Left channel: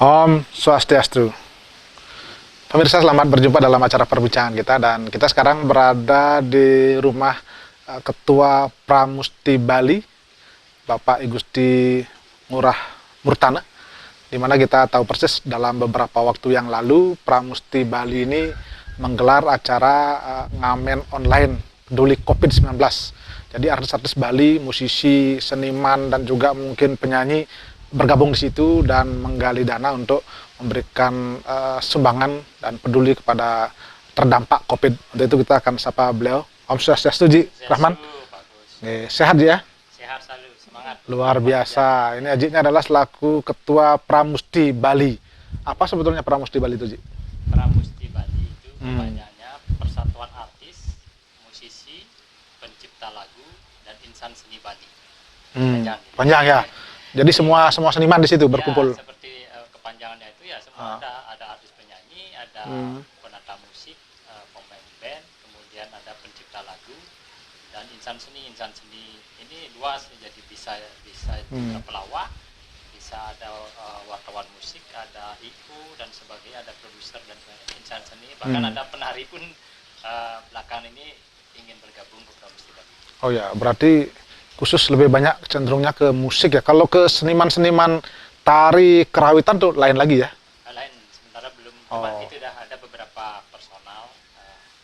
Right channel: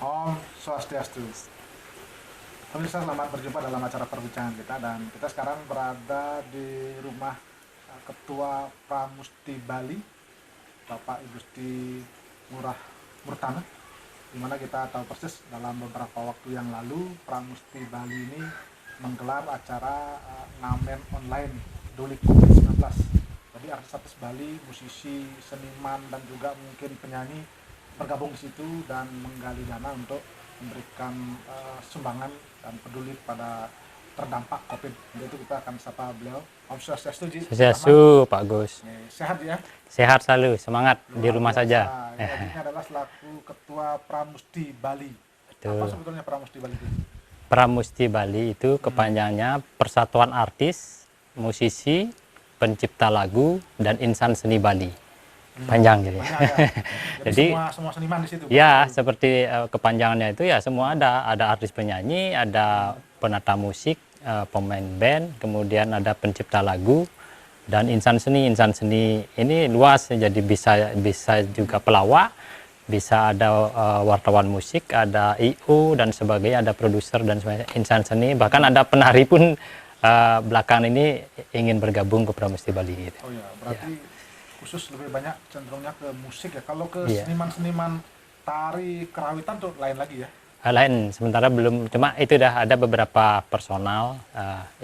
Om Swastiastu. Pemirsa, selamat berjumpa dalam acara perbincangan kita, dan kita sekarang berada di rumah Ketua Pramusti Bali, Bapak Igusti Ngurah Murtana, di mana kita tahu persis dalam beberapa waktu yang lalu Pramusti Bali ini menggelar acara ngamen online peduli COVID-19. Jadi artis-artis Bali, musisi, seniman, dan juga mungkin penyanyi bergabung di situ dan menggali dana untuk memberikan sumbangan dan peduli kepada terdampak COVID. Untuk itu kita akan sapa beliau. Om Swastiastu, Ji. Swastiastu, Pak Gus. Sehat ya? Sehat selalu, semangat. Luar biasa. Saja. Ini Ajinya adalah selaku Ketua Pramusti Bali. Betul. Apa sebetulnya Pramusti Bali itu, Ji? Pramusti Bali itu kepanjangannya Persatuan Artis, Musisi, Pencipta Lagu, dan Insan Seni Bali. Panjang jadi. Panjang ya. Jadi semua seniman di situ berkumpul. Ya, seperti kepanjangannya itu ya semua ada artis penyanyi, ada penata musik, pemain band, kemudian ada pencipta lagu dan insan seni. Insan seni ini luas, jadi bisa juga pelawak, bisa ada wartawan musik, ada IO dan sebagainya, ada produser dan sebagainya, insan seni, bahkan ada penari pun belakangan ini ingin bergabung ke Pramusti Bali. Gitu. Oh ya, berarti khusus lebih banyak cenderungnya ke musik ya. Kalau ke seniman-seniman tari kerawitan tuh lain lagi ya? Lain, sementara belum. Cuma itu dah ada beberapa personal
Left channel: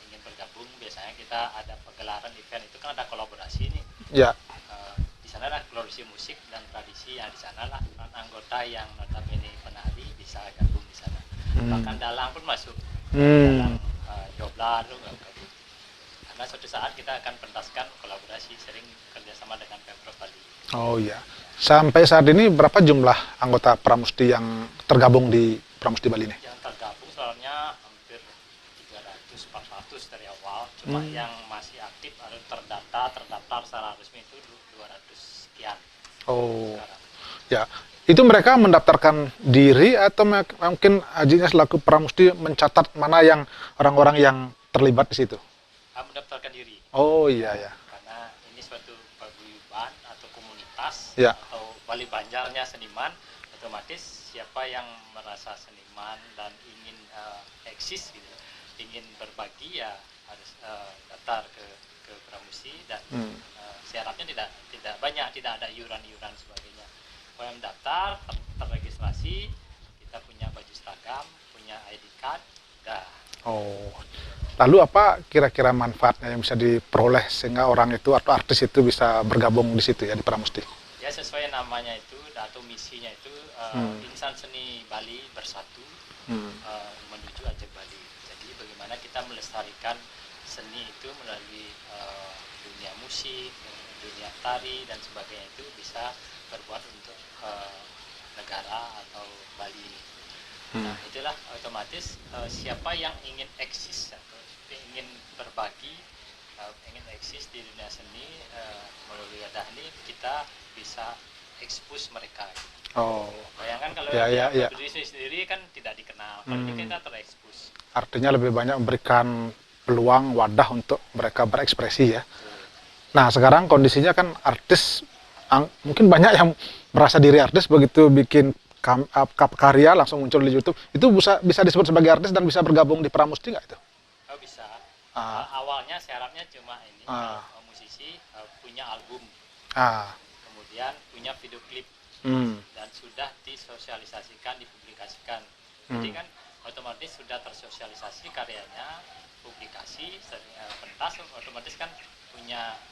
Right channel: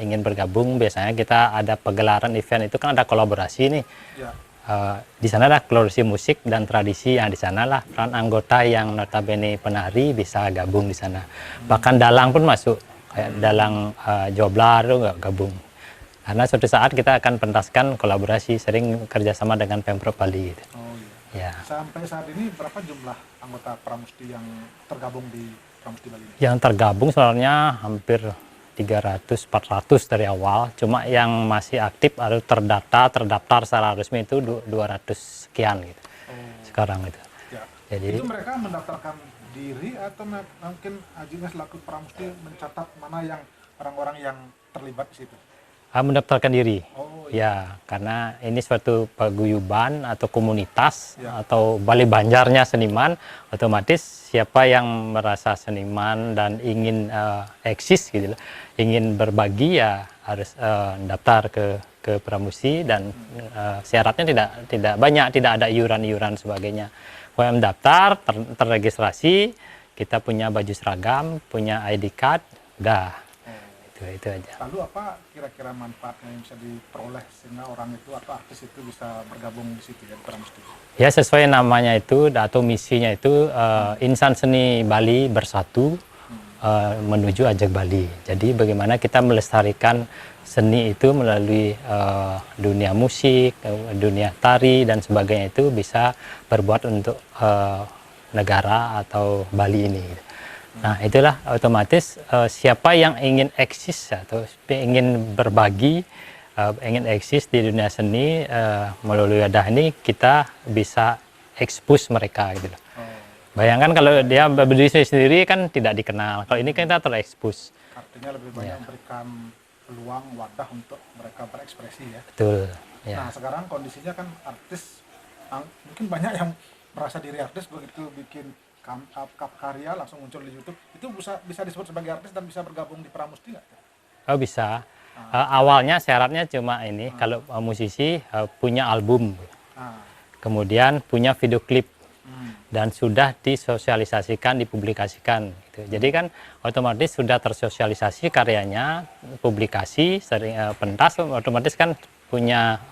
ingin bergabung. Biasanya kita ada pegelaran event itu kan ada kolaborasi nih. Ya. Di sana lah kolaborasi musik dan tradisi, yang di sana lah peran anggota yang notabene penari bisa gabung di sana. Bahkan dalang pun masuk. Dalang joblar tuh nggak gabung. Karena suatu saat kita akan pentaskan kolaborasi, sering kerjasama dengan Pemprov Bali. Gitu. Oh iya. Ya. Sampai saat ini berapa jumlah anggota Pramusti yang tergabung di Pramusti Bali ini? Yang tergabung sebenarnya hampir 300-400 dari awal. Cuma yang masih aktif atau terdaftar secara resmi itu 200 sekian gitu. Oh. Sekarang itu. Ya. Jadi, itu mereka mendaftarkan diri atau mungkin Ajinya selaku Pramusti mencatat mana yang orang-orang yang terlibat di situ? Mendaftarkan diri. Oh iya. Ya, karena ini suatu paguyuban atau komunitas atau Bali Banjarnya seniman, otomatis siapa yang merasa seniman dan ingin eksis gitu, ingin berbagi ya harus daftar ke Pramusti dan syaratnya tidak banyak, tidak ada iuran-iuran sebagainya. Kalau yang mendaftar terregistrasi, kita punya baju seragam, punya ID card, udah. Oh, itu aja. Lalu apa kira-kira manfaatnya yang bisa diperoleh sehingga orang itu atau artis itu bisa bergabung di situ ya di Pramusti? Ya, sesuai namanya itu atau misinya itu Insan Seni Bali Bersatu menuju Ajak Bali. Jadi bagaimana kita melestarikan seni itu melalui dunia musik, dunia tari dan sebagainya itu bisa berbuat untuk negara atau Bali ini. Nah, itulah otomatis siapa yang ingin eksis atau ingin berbagi, ingin eksis di dunia seni melalui wadah ini, kita bisa expose mereka gitu. Oh. Bayangkan kalau dia berdiri sendiri kan tidak dikenal. Kalau ini kan kita terekspos. Artinya lebih banyak memberikan peluang wadah untuk mereka berekspresi ya. Betul. Ya. Nah, sekarang kondisinya kan artis mungkin banyak yang merasa diri artis, begitu bikin karya langsung muncul di YouTube, itu bisa disebut sebagai artis dan bisa bergabung di Pramusti nggak itu? Oh, bisa. Awalnya syaratnya cuma ini, kalau musisi punya album, kemudian punya video klip, dan sudah disosialisasikan, dipublikasikan. Gitu. Jadi kan otomatis sudah tersosialisasi karyanya, publikasi, sering pentas, otomatis kan punya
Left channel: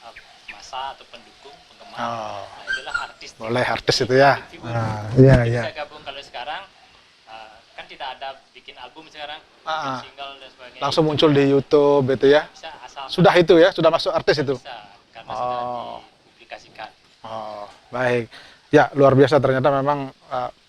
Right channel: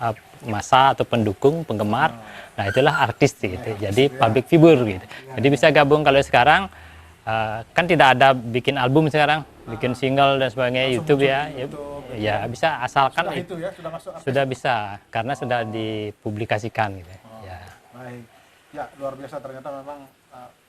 masa atau pendukung, penggemar. Nah, itulah artis gitu. Jadi public figure gitu. Jadi bisa gabung. Kalau sekarang kan tidak ada bikin album sekarang, bikin single dan sebagainya. Langsung muncul di YouTube itu ya. Bisa asalkan sudah itu ya, sudah masuk artis sudah itu. Bisa karena sudah dipublikasikan gitu. Baik. Ya, luar biasa, ternyata memang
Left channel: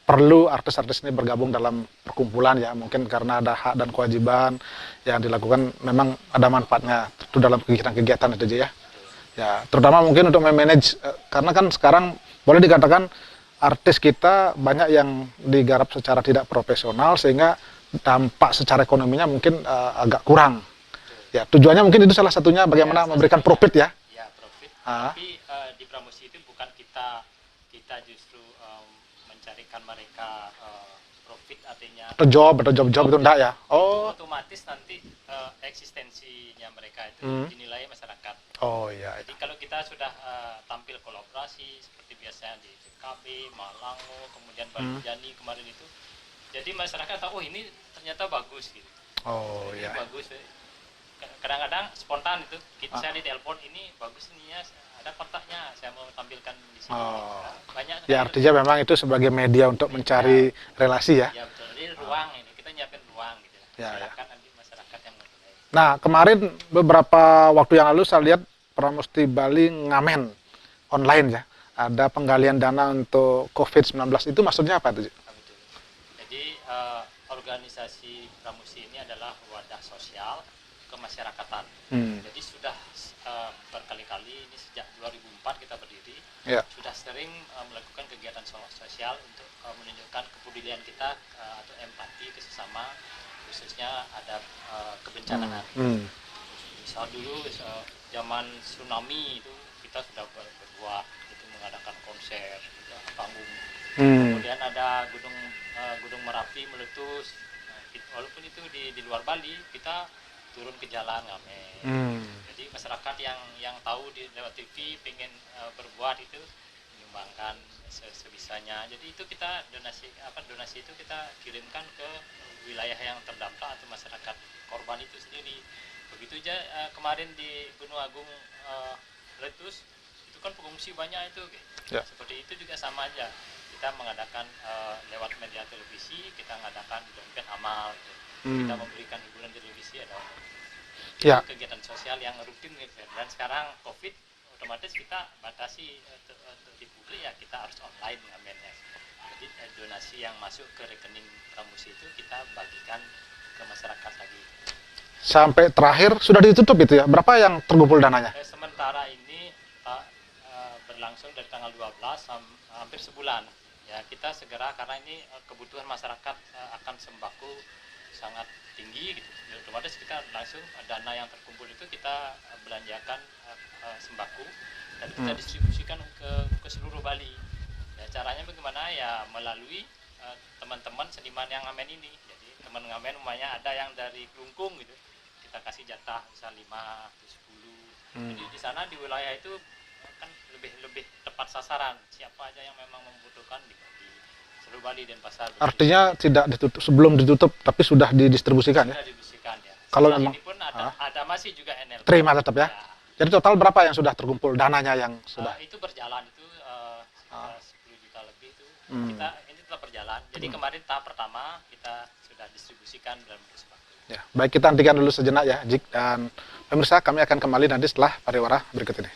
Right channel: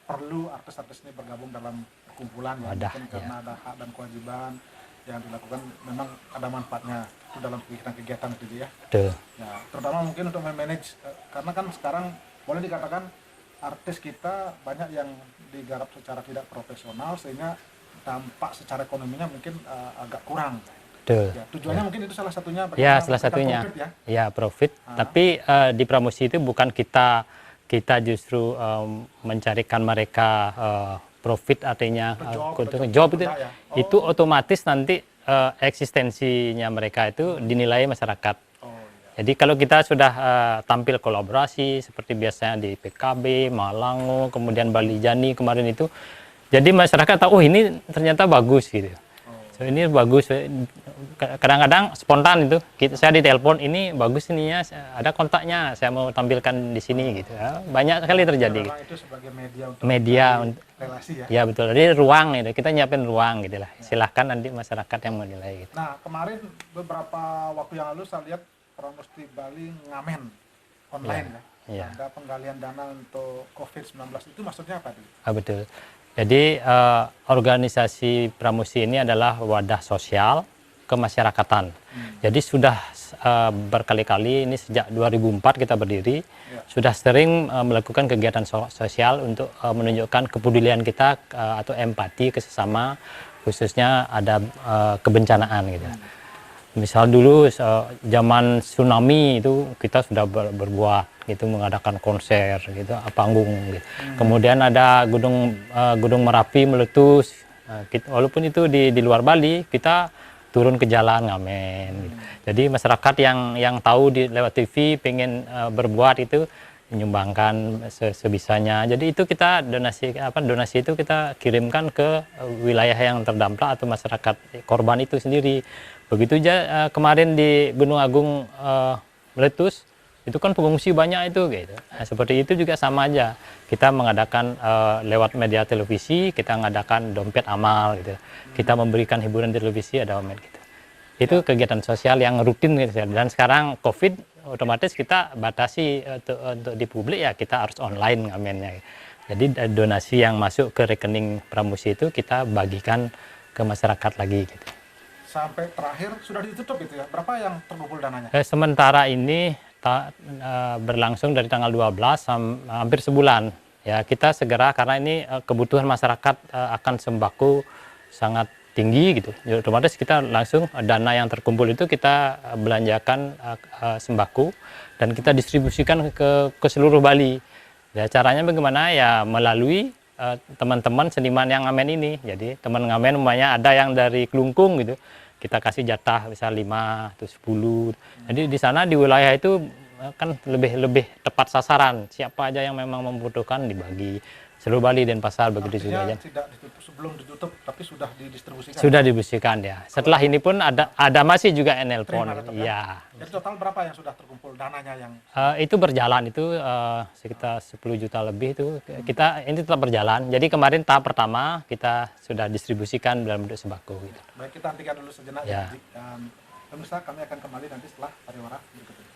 perlu artis-artis ini bergabung dalam perkumpulan ya. Mungkin karena ada hak dan kewajiban yang dilakukan, memang ada manfaatnya itu dalam kegiatan-kegiatan itu aja ya. Betul. Ya, terutama mungkin untuk memanage, karena kan sekarang boleh dikatakan artis kita banyak yang digarap secara tidak profesional sehingga dampak secara ekonominya mungkin agak kurang. Betul. Ya, tujuannya mungkin itu salah satunya bagaimana memberikan profit ya. Ya, profit. Tapi di Pramusti itu bukan kita justru mencarikan mereka profit artinya Job itu itu, enggak ya? itu otomatis nanti eksistensinya mereka itu dinilai masyarakat. Oh iya. Jadi kalau kita sudah tampil kolaborasi seperti biasanya di PKB, Malango, kemudian Bali Jani kemarin itu, jadi masyarakat tahu, oh ini ternyata bagus gitu. Oh, So, ini bagus. Kadang-kadang spontan itu, saya ditelepon, ini bagus ininya, ada kontaknya, saya mau tampilkan di sini gitu. Ya, banyak sekali ya, terjadi. memang itu sebagai media untuk Media, mencari relasi ya. Ya betul. Jadi ruang itu, kita nyiapin ruang gitu lah. Ya. Silahkan nanti masyarakat yang menilai. Gitu. Nah, kemarin beberapa waktu yang lalu saya lihat Pramusti Bali ngamen online ya. Ya. Ada penggalian dana untuk COVID-19, itu maksudnya apa itu? Betul. Jadi organisasi Pramusi ini adalah wadah sosial kemasyarakatan. Jadi sudah berkali-kali, ini sejak 2004 kita berdiri, sudah sering melakukan kegiatan sosial untuk menunjukkan kepedulian kita atau empati ke sesama, khususnya ada kebencanaan gitu. Misal dulu zaman tsunami itu kita sudah berbuat gitu, mengadakan konser gitu, panggung gitu. Kemudian ada gunung Merapi meletus. Walaupun itu di luar Bali, kita turun ke jalan ngamen. Jadi masyarakat yang tahu lewat TV pengen berbuat itu menyumbangkan sebisanya. Jadi itu kita donasi itu kita kirimkan ke wilayah yang terdampak atau masyarakat korban itu sendiri. Begitu aja kemarin di Gunung Agung meletus, itu kan pengungsi banyak itu gitu. Nah, seperti itu juga sama aja. Kita mengadakan lewat media televisi, kita mengadakan dompet amal gitu. Kita memberikan hiburan di televisi, ada dompet gitu. Itu kegiatan sosial yang rutin gitu. Dan sekarang Covid otomatis kita batasi untuk di publik, ya kita harus online ngamennya. Jadi donasi yang masuk ke rekening Pramusi itu kita bagikan ke masyarakat lagi gitu. Sampai terakhir sudah ditutup itu ya? Berapa yang terkumpul dananya? Sementara ini berlangsung dari tanggal 12 hampir sebulan. Ya, kita segera karena ini kebutuhan masyarakat akan sembako sangat tinggi gitu. Jadi, otomatis kita langsung dana yang terkumpul itu kita belanjakan sembako dan kita distribusikan ke seluruh Bali. Ya, caranya bagaimana? Ya melalui teman-teman seniman yang ngamen ini. Jadi teman ngamen umpamanya ada yang dari Kelungkung gitu, kita kasih jatah misal 5 atau 10. Jadi di sana di wilayah itu kan lebih tepat sasaran. Siapa aja yang memang membutuhkan dibagi. Seluruh Bali dan Pasar begitu. Artinya tidak ditutup, sebelum ditutup tapi sudah didistribusikan. Sudah didistribusikan ya. Setelah ini pun ada masih juga NL. Terima tetap ya. Jadi total berapa yang sudah terkumpul dananya yang itu berjalan itu sekitar 10 juta lebih itu. Kita ini tetap berjalan. Jadi kemarin tahap pertama kita sudah distribusikan dalam bentuk sembako. Ya. Baik, kita hentikan dulu sejenak ya, Jik, dan pemirsa, kami akan kembali nanti setelah pariwara berikut ini.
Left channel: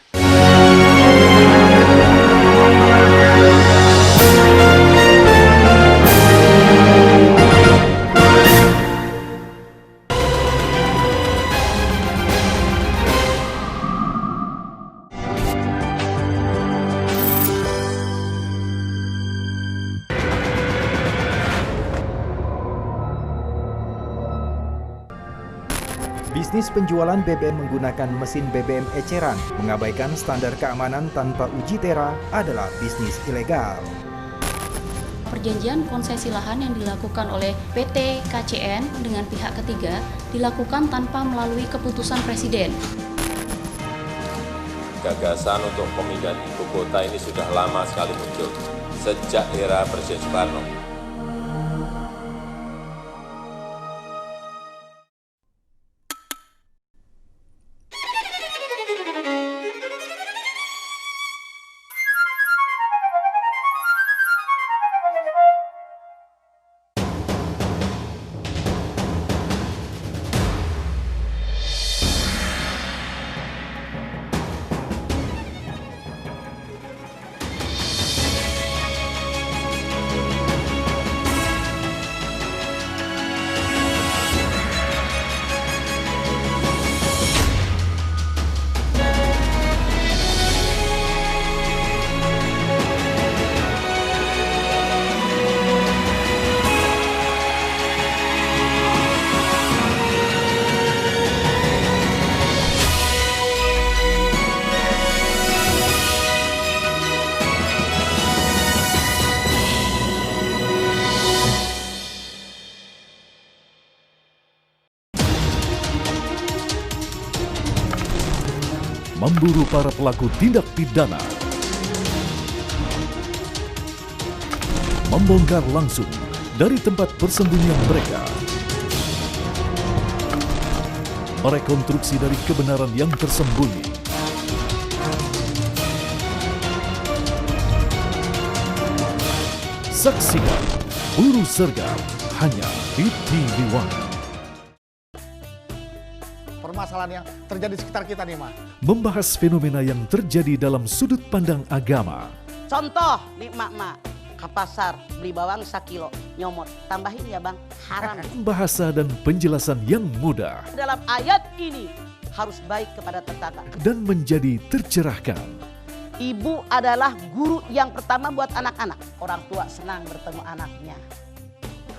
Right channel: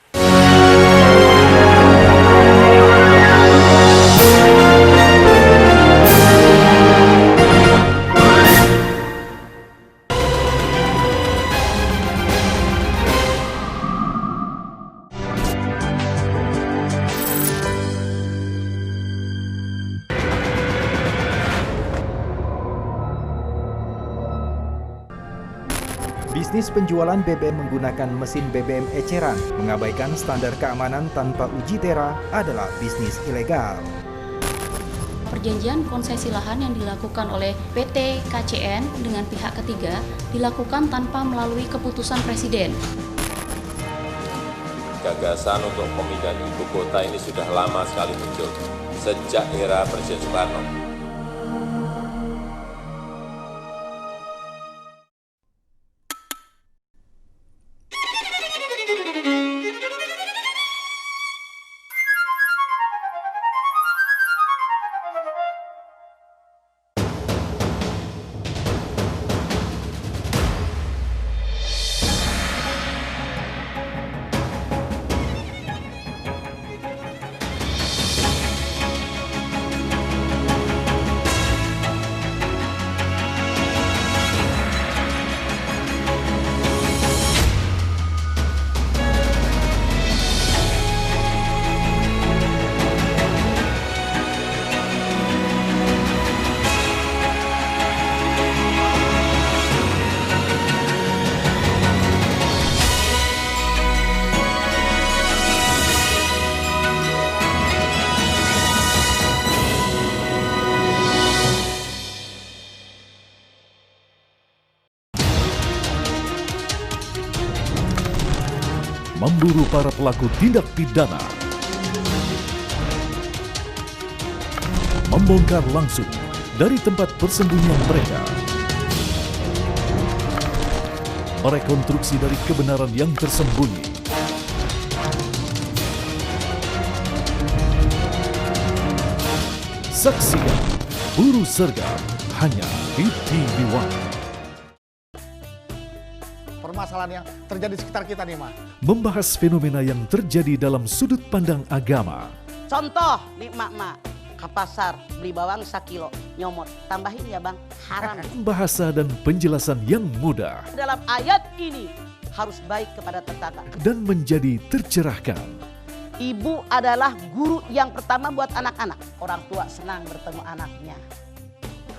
Bisnis penjualan BBM menggunakan mesin BBM eceran, mengabaikan standar keamanan tanpa uji tera adalah bisnis ilegal. Perjanjian konsesi lahan yang dilakukan oleh PT KCN dengan pihak ketiga dilakukan tanpa melalui keputusan Presiden. Gagasan untuk pemindahan ibu kota ini sudah lama sekali muncul, sejak era Presiden Soekarno. memburu para pelaku tindak pidana, membongkar langsung dari tempat persembunyian mereka, merekonstruksi dari kebenaran yang tersembunyi. Saksikan Buru Sergap hanya di TV One. Permasalahan yang terjadi di sekitar kita nih, Ma. Membahas fenomena yang terjadi dalam sudut pandang agama. Contoh nih mak-mak ke pasar beli bawang 1 kilo nyomot, tambahin ya bang, haram. Bahasa dan penjelasan yang mudah Dalam ayat ini harus baik kepada tetangga. dan menjadi tercerahkan. Ibu adalah guru yang pertama buat anak-anak. Orang tua senang bertemu anaknya.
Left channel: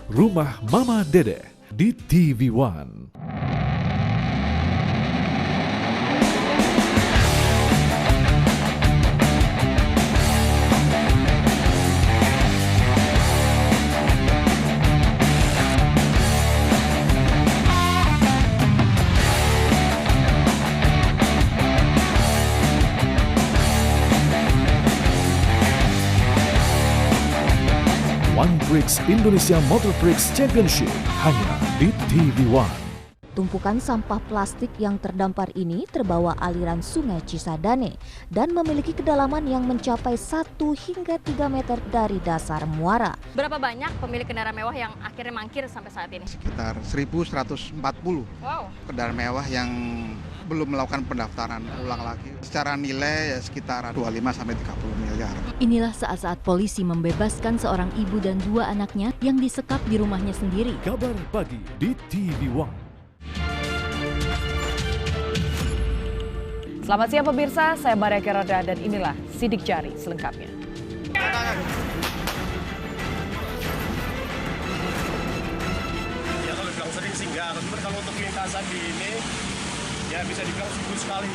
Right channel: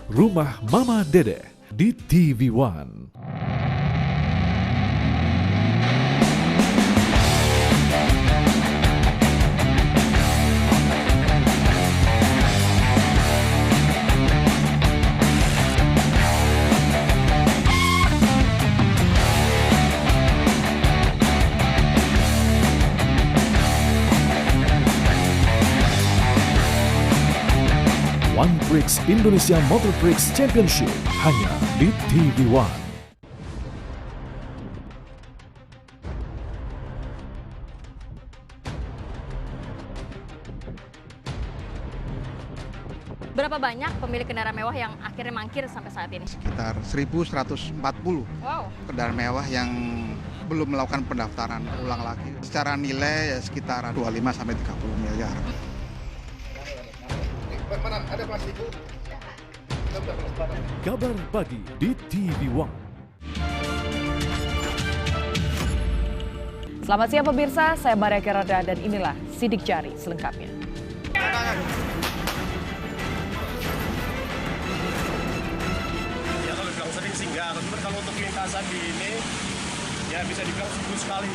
Rumah Mama Dede di TV One. One Prix Indonesia Motor Prix Championship hanya di TV One. Tumpukan sampah plastik yang terdampar ini terbawa aliran sungai Cisadane dan memiliki kedalaman yang mencapai 1 hingga 3 meter dari dasar muara. Berapa banyak pemilik kendaraan mewah yang akhirnya mangkir sampai saat ini? Sekitar 1.140 Wow. kendaraan mewah yang belum melakukan pendaftaran ulang lagi. Secara nilai ya sekitar 25 sampai 30 miliar. Inilah saat-saat polisi membebaskan seorang ibu dan 2 anaknya yang disekap di rumahnya sendiri. Kabar pagi di TV One. Selamat siang pemirsa, saya Maria Kerada dan inilah Sidik Jari selengkapnya. Ya kalau bilang sering sih enggak, tapi kalau untuk lintasan di ini ya bisa dibilang seminggu sekali.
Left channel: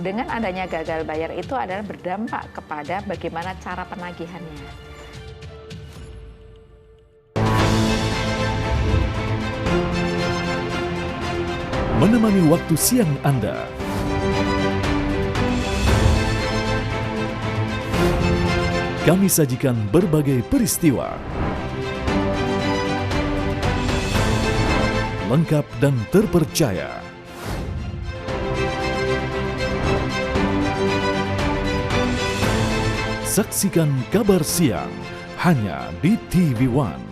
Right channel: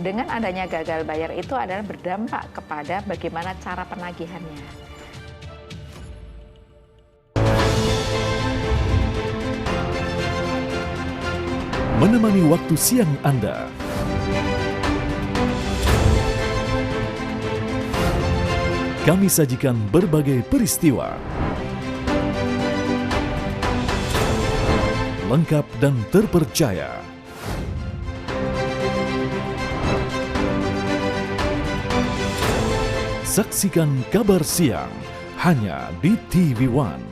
Dengan adanya gagal bayar itu adalah berdampak kepada bagaimana cara penagihannya. Menemani waktu siang Anda. Kami sajikan berbagai peristiwa. Lengkap dan terpercaya. Saksikan Kabar Siang hanya di TV One.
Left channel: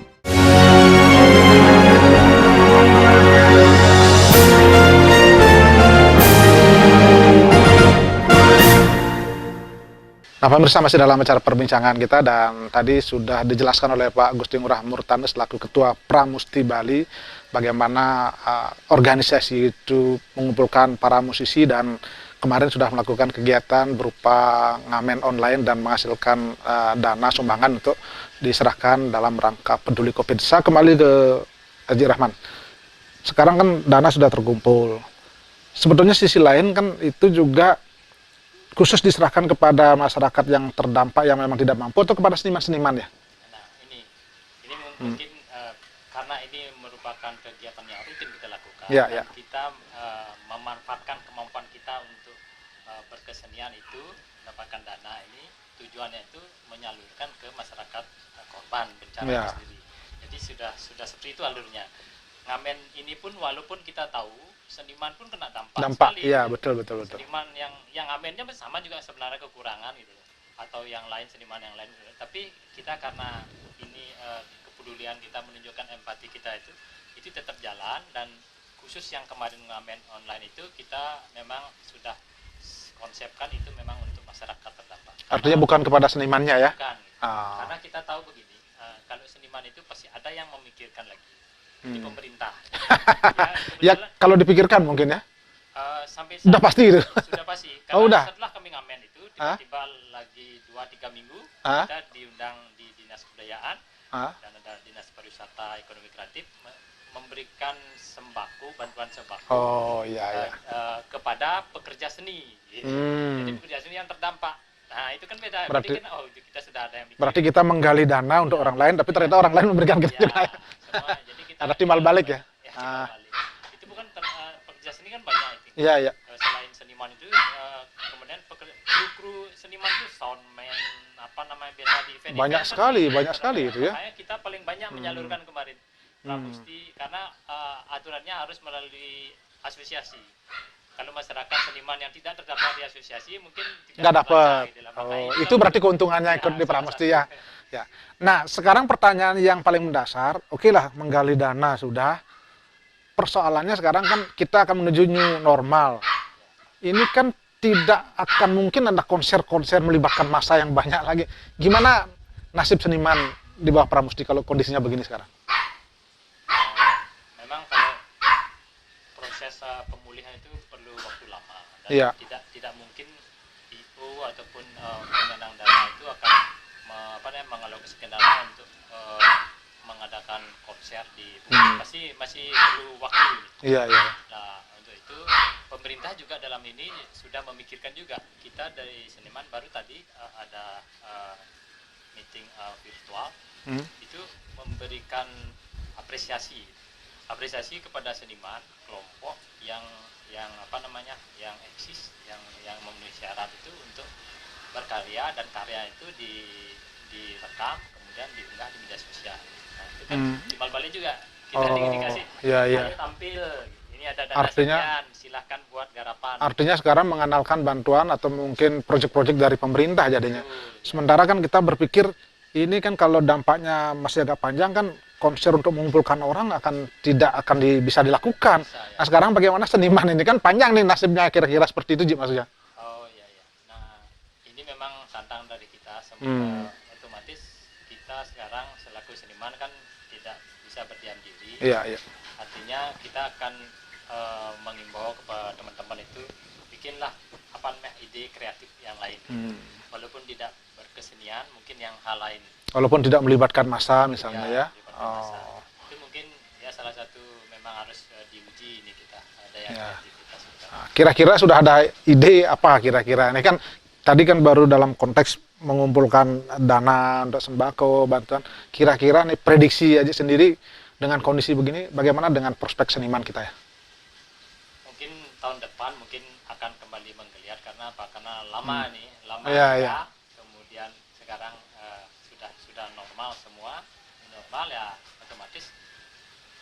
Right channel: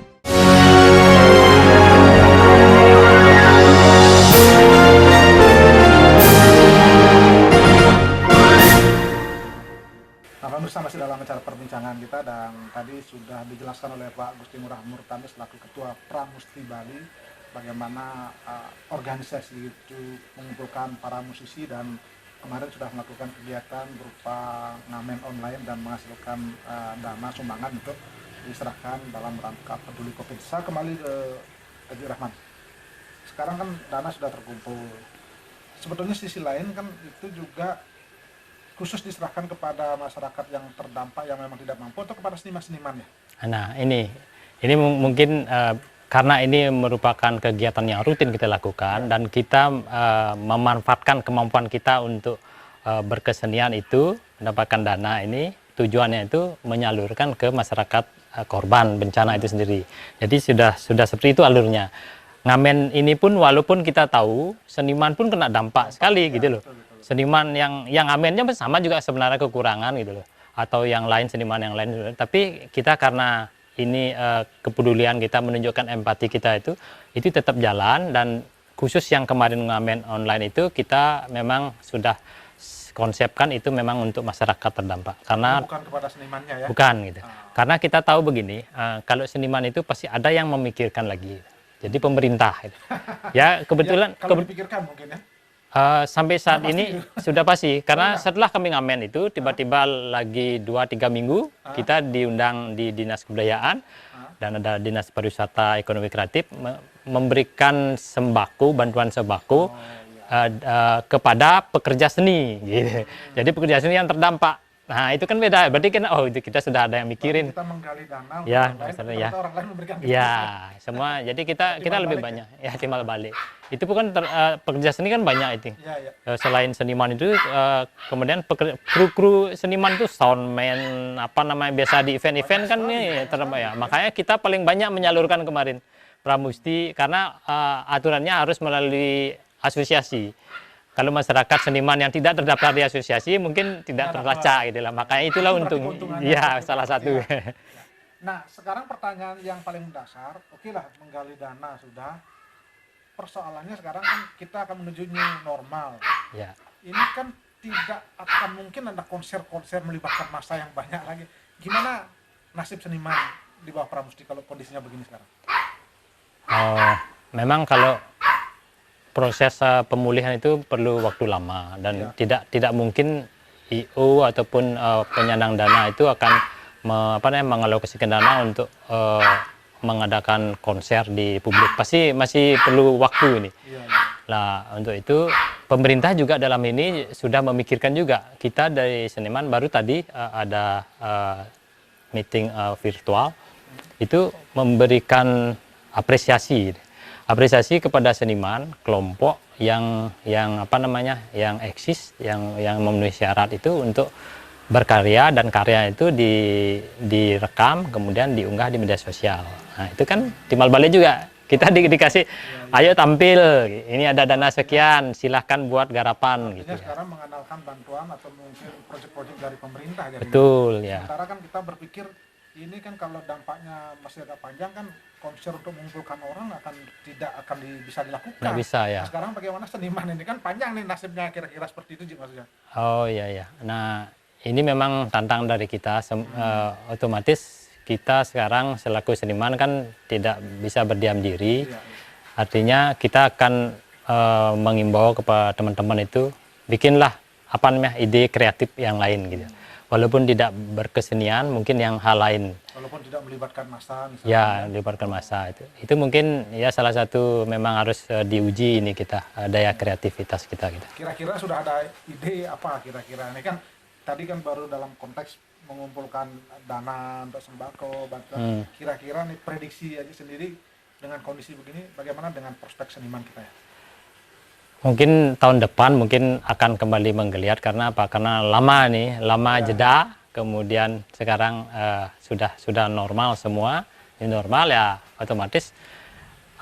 Nah, pemirsa, masih dalam acara perbincangan kita dan tadi sudah dijelaskan oleh Pak Gusti Ngurah Murtane selaku Ketua Pramusti Bali bagaimana organisasi itu mengumpulkan para musisi dan kemarin sudah melakukan kegiatan berupa ngamen online dan menghasilkan dana sumbangan untuk diserahkan dalam rangka peduli COVID. Saya kembali ke Haji Rahman. Sekarang kan dana sudah terkumpul. Sebetulnya sisi lain kan itu juga khusus diserahkan kepada masyarakat yang terdampak yang memang tidak mampu atau kepada seniman-seniman ya? Nah ini mungkin karena ini merupakan kegiatan yang rutin kita lakukan dan kita memanfaatkan kemampuan kita untuk berkesenian itu mendapatkan dana ini, tujuannya itu menyalurkan ke masyarakat korban bencana itu sendiri. Jadi sudah seperti itu alurnya. Ngamen ini pun walaupun kita tahu seniman pun kena dampak sekali gitu loh. Betul. Seniman yang ngamennya sama juga sebenarnya kekurangan gitu loh. Atau yang lain seniman yang lain. Tapi kita karena ini kepedulian kita menunjukkan empati kita itu tetap jalan dan khusus yang kemarin ngamen online itu kita memang sudah konsepkan itu memang untuk masyarakat terdampak. Karena bukan kepada senimannya ya? Bukan gitu. Karena kita tahu begini, kalau seniman itu pasti ada yang memikirkan lagi. Jadi pemerintah. Ya kebetulan ya, kalau dipikirkan mungkin ya. Sampai saat ini gitu. Sudah pasti. Karena setelah kami ngamen itu tiba-tiba lagi 2-3 minggu kita diundang di Dinas Kebudayaan dan ada Dinas Pariwisata Ekonomi Kreatif memberikan sembako, bantuan sembako kepada pekerja seni. Gitu. Jadi pekerja seni yang terdampak. Nah itu kan beda, berarti kan kita sudah ada yang mikirin. Berarti kita menggali dana untuk orang lain, tapi ternyata orang lain memberikan kita. Ya, semua. Jadi kita timbal balik ya? Timbal balik. Itu bukan pekerja seni kan banyak itu. Iya, iya. Selain seniman itu, kemudian kru seniman itu soundman, apa namanya, biasa di event-event kan banyak sekali itu, ya. Makanya kita paling banyak menyalurkan kemarin Pramusti karena aturannya harus melalui asosiasi. Kalau masyarakat seniman yang tidak terdaftar di asosiasi mungkin tidak terbaca gitu lah. Makanya itulah itu berarti keuntungannya ya, seperti salah Pramusti satu. ya. Ya. Nah, sekarang pertanyaan yang paling mendasar, oke lah menggali dana sudah. Persoalannya sekarang kan kita akan menuju new normal. Ya. Ini kan tidak akan mungkin ada konser-konser melibatkan massa yang banyak lagi. Gimana nasib seniman di bawah Pramusti kalau kondisinya begini sekarang? Memang kalau proses pemulihan itu perlu waktu lama dan tidak mungkin IO ataupun penyandang dana itu akan mengalokasikan dana untuk mengadakan konser di publik. Pasti masih perlu waktu ini. Iya, iya. Nah, untuk itu pemerintah juga dalam ini sudah memikirkan juga. Kita dari seniman baru tadi ada meeting virtual itu memberikan apresiasi kepada seniman kelompok yang eksis, yang memenuhi syarat itu untuk berkarya, dan karya itu direkam kemudian diunggah di media sosial. Nah, itu kan timbal balik juga kita dikasih, ayo tampil, ini ada dana sekian, silahkan buat garapan. Artinya gitu. Sekarang mengandalkan bantuan atau mungkin proyek-proyek dari pemerintah jadinya. Betul, sementara kan kita berpikir ini kan kalau dampaknya masih agak panjang kan konser untuk mengumpulkan orang tidak akan bisa dilakukan. Bisa, ya. Nah, sekarang bagaimana seniman ini kan panjang nih nasibnya, kira-kira seperti itu, Ji, maksudnya. Oh iya. Nah, ini memang tantangan dari kita. Otomatis kita sekarang selaku seniman kan tidak bisa berdiam diri. Iya. Artinya kita akan mengimbau kepada teman-teman itu bikinlah ide kreatif yang lain gitu. Walaupun tidak berkesenian, mungkin yang hal lain. Walaupun tidak melibatkan massa misalnya ya. Melibatkan massa itu. Itu mungkin ya salah satu memang harus diuji ini kita daya kreativitas kita. Gitu. Kira-kira sudah ada ide apa kira-kira? Ini kan tadi kan baru dalam konteks mengumpulkan dana untuk sembako, bantuan. Kira-kira nih prediksi aja sendiri dengan kondisi begini, bagaimana dengan prospek seniman kita ya? Mungkin tahun depan mungkin akan kembali menggeliat karena apa? Karena lama jeda. Kemudian sekarang sudah normal semua. Ini normal ya, otomatis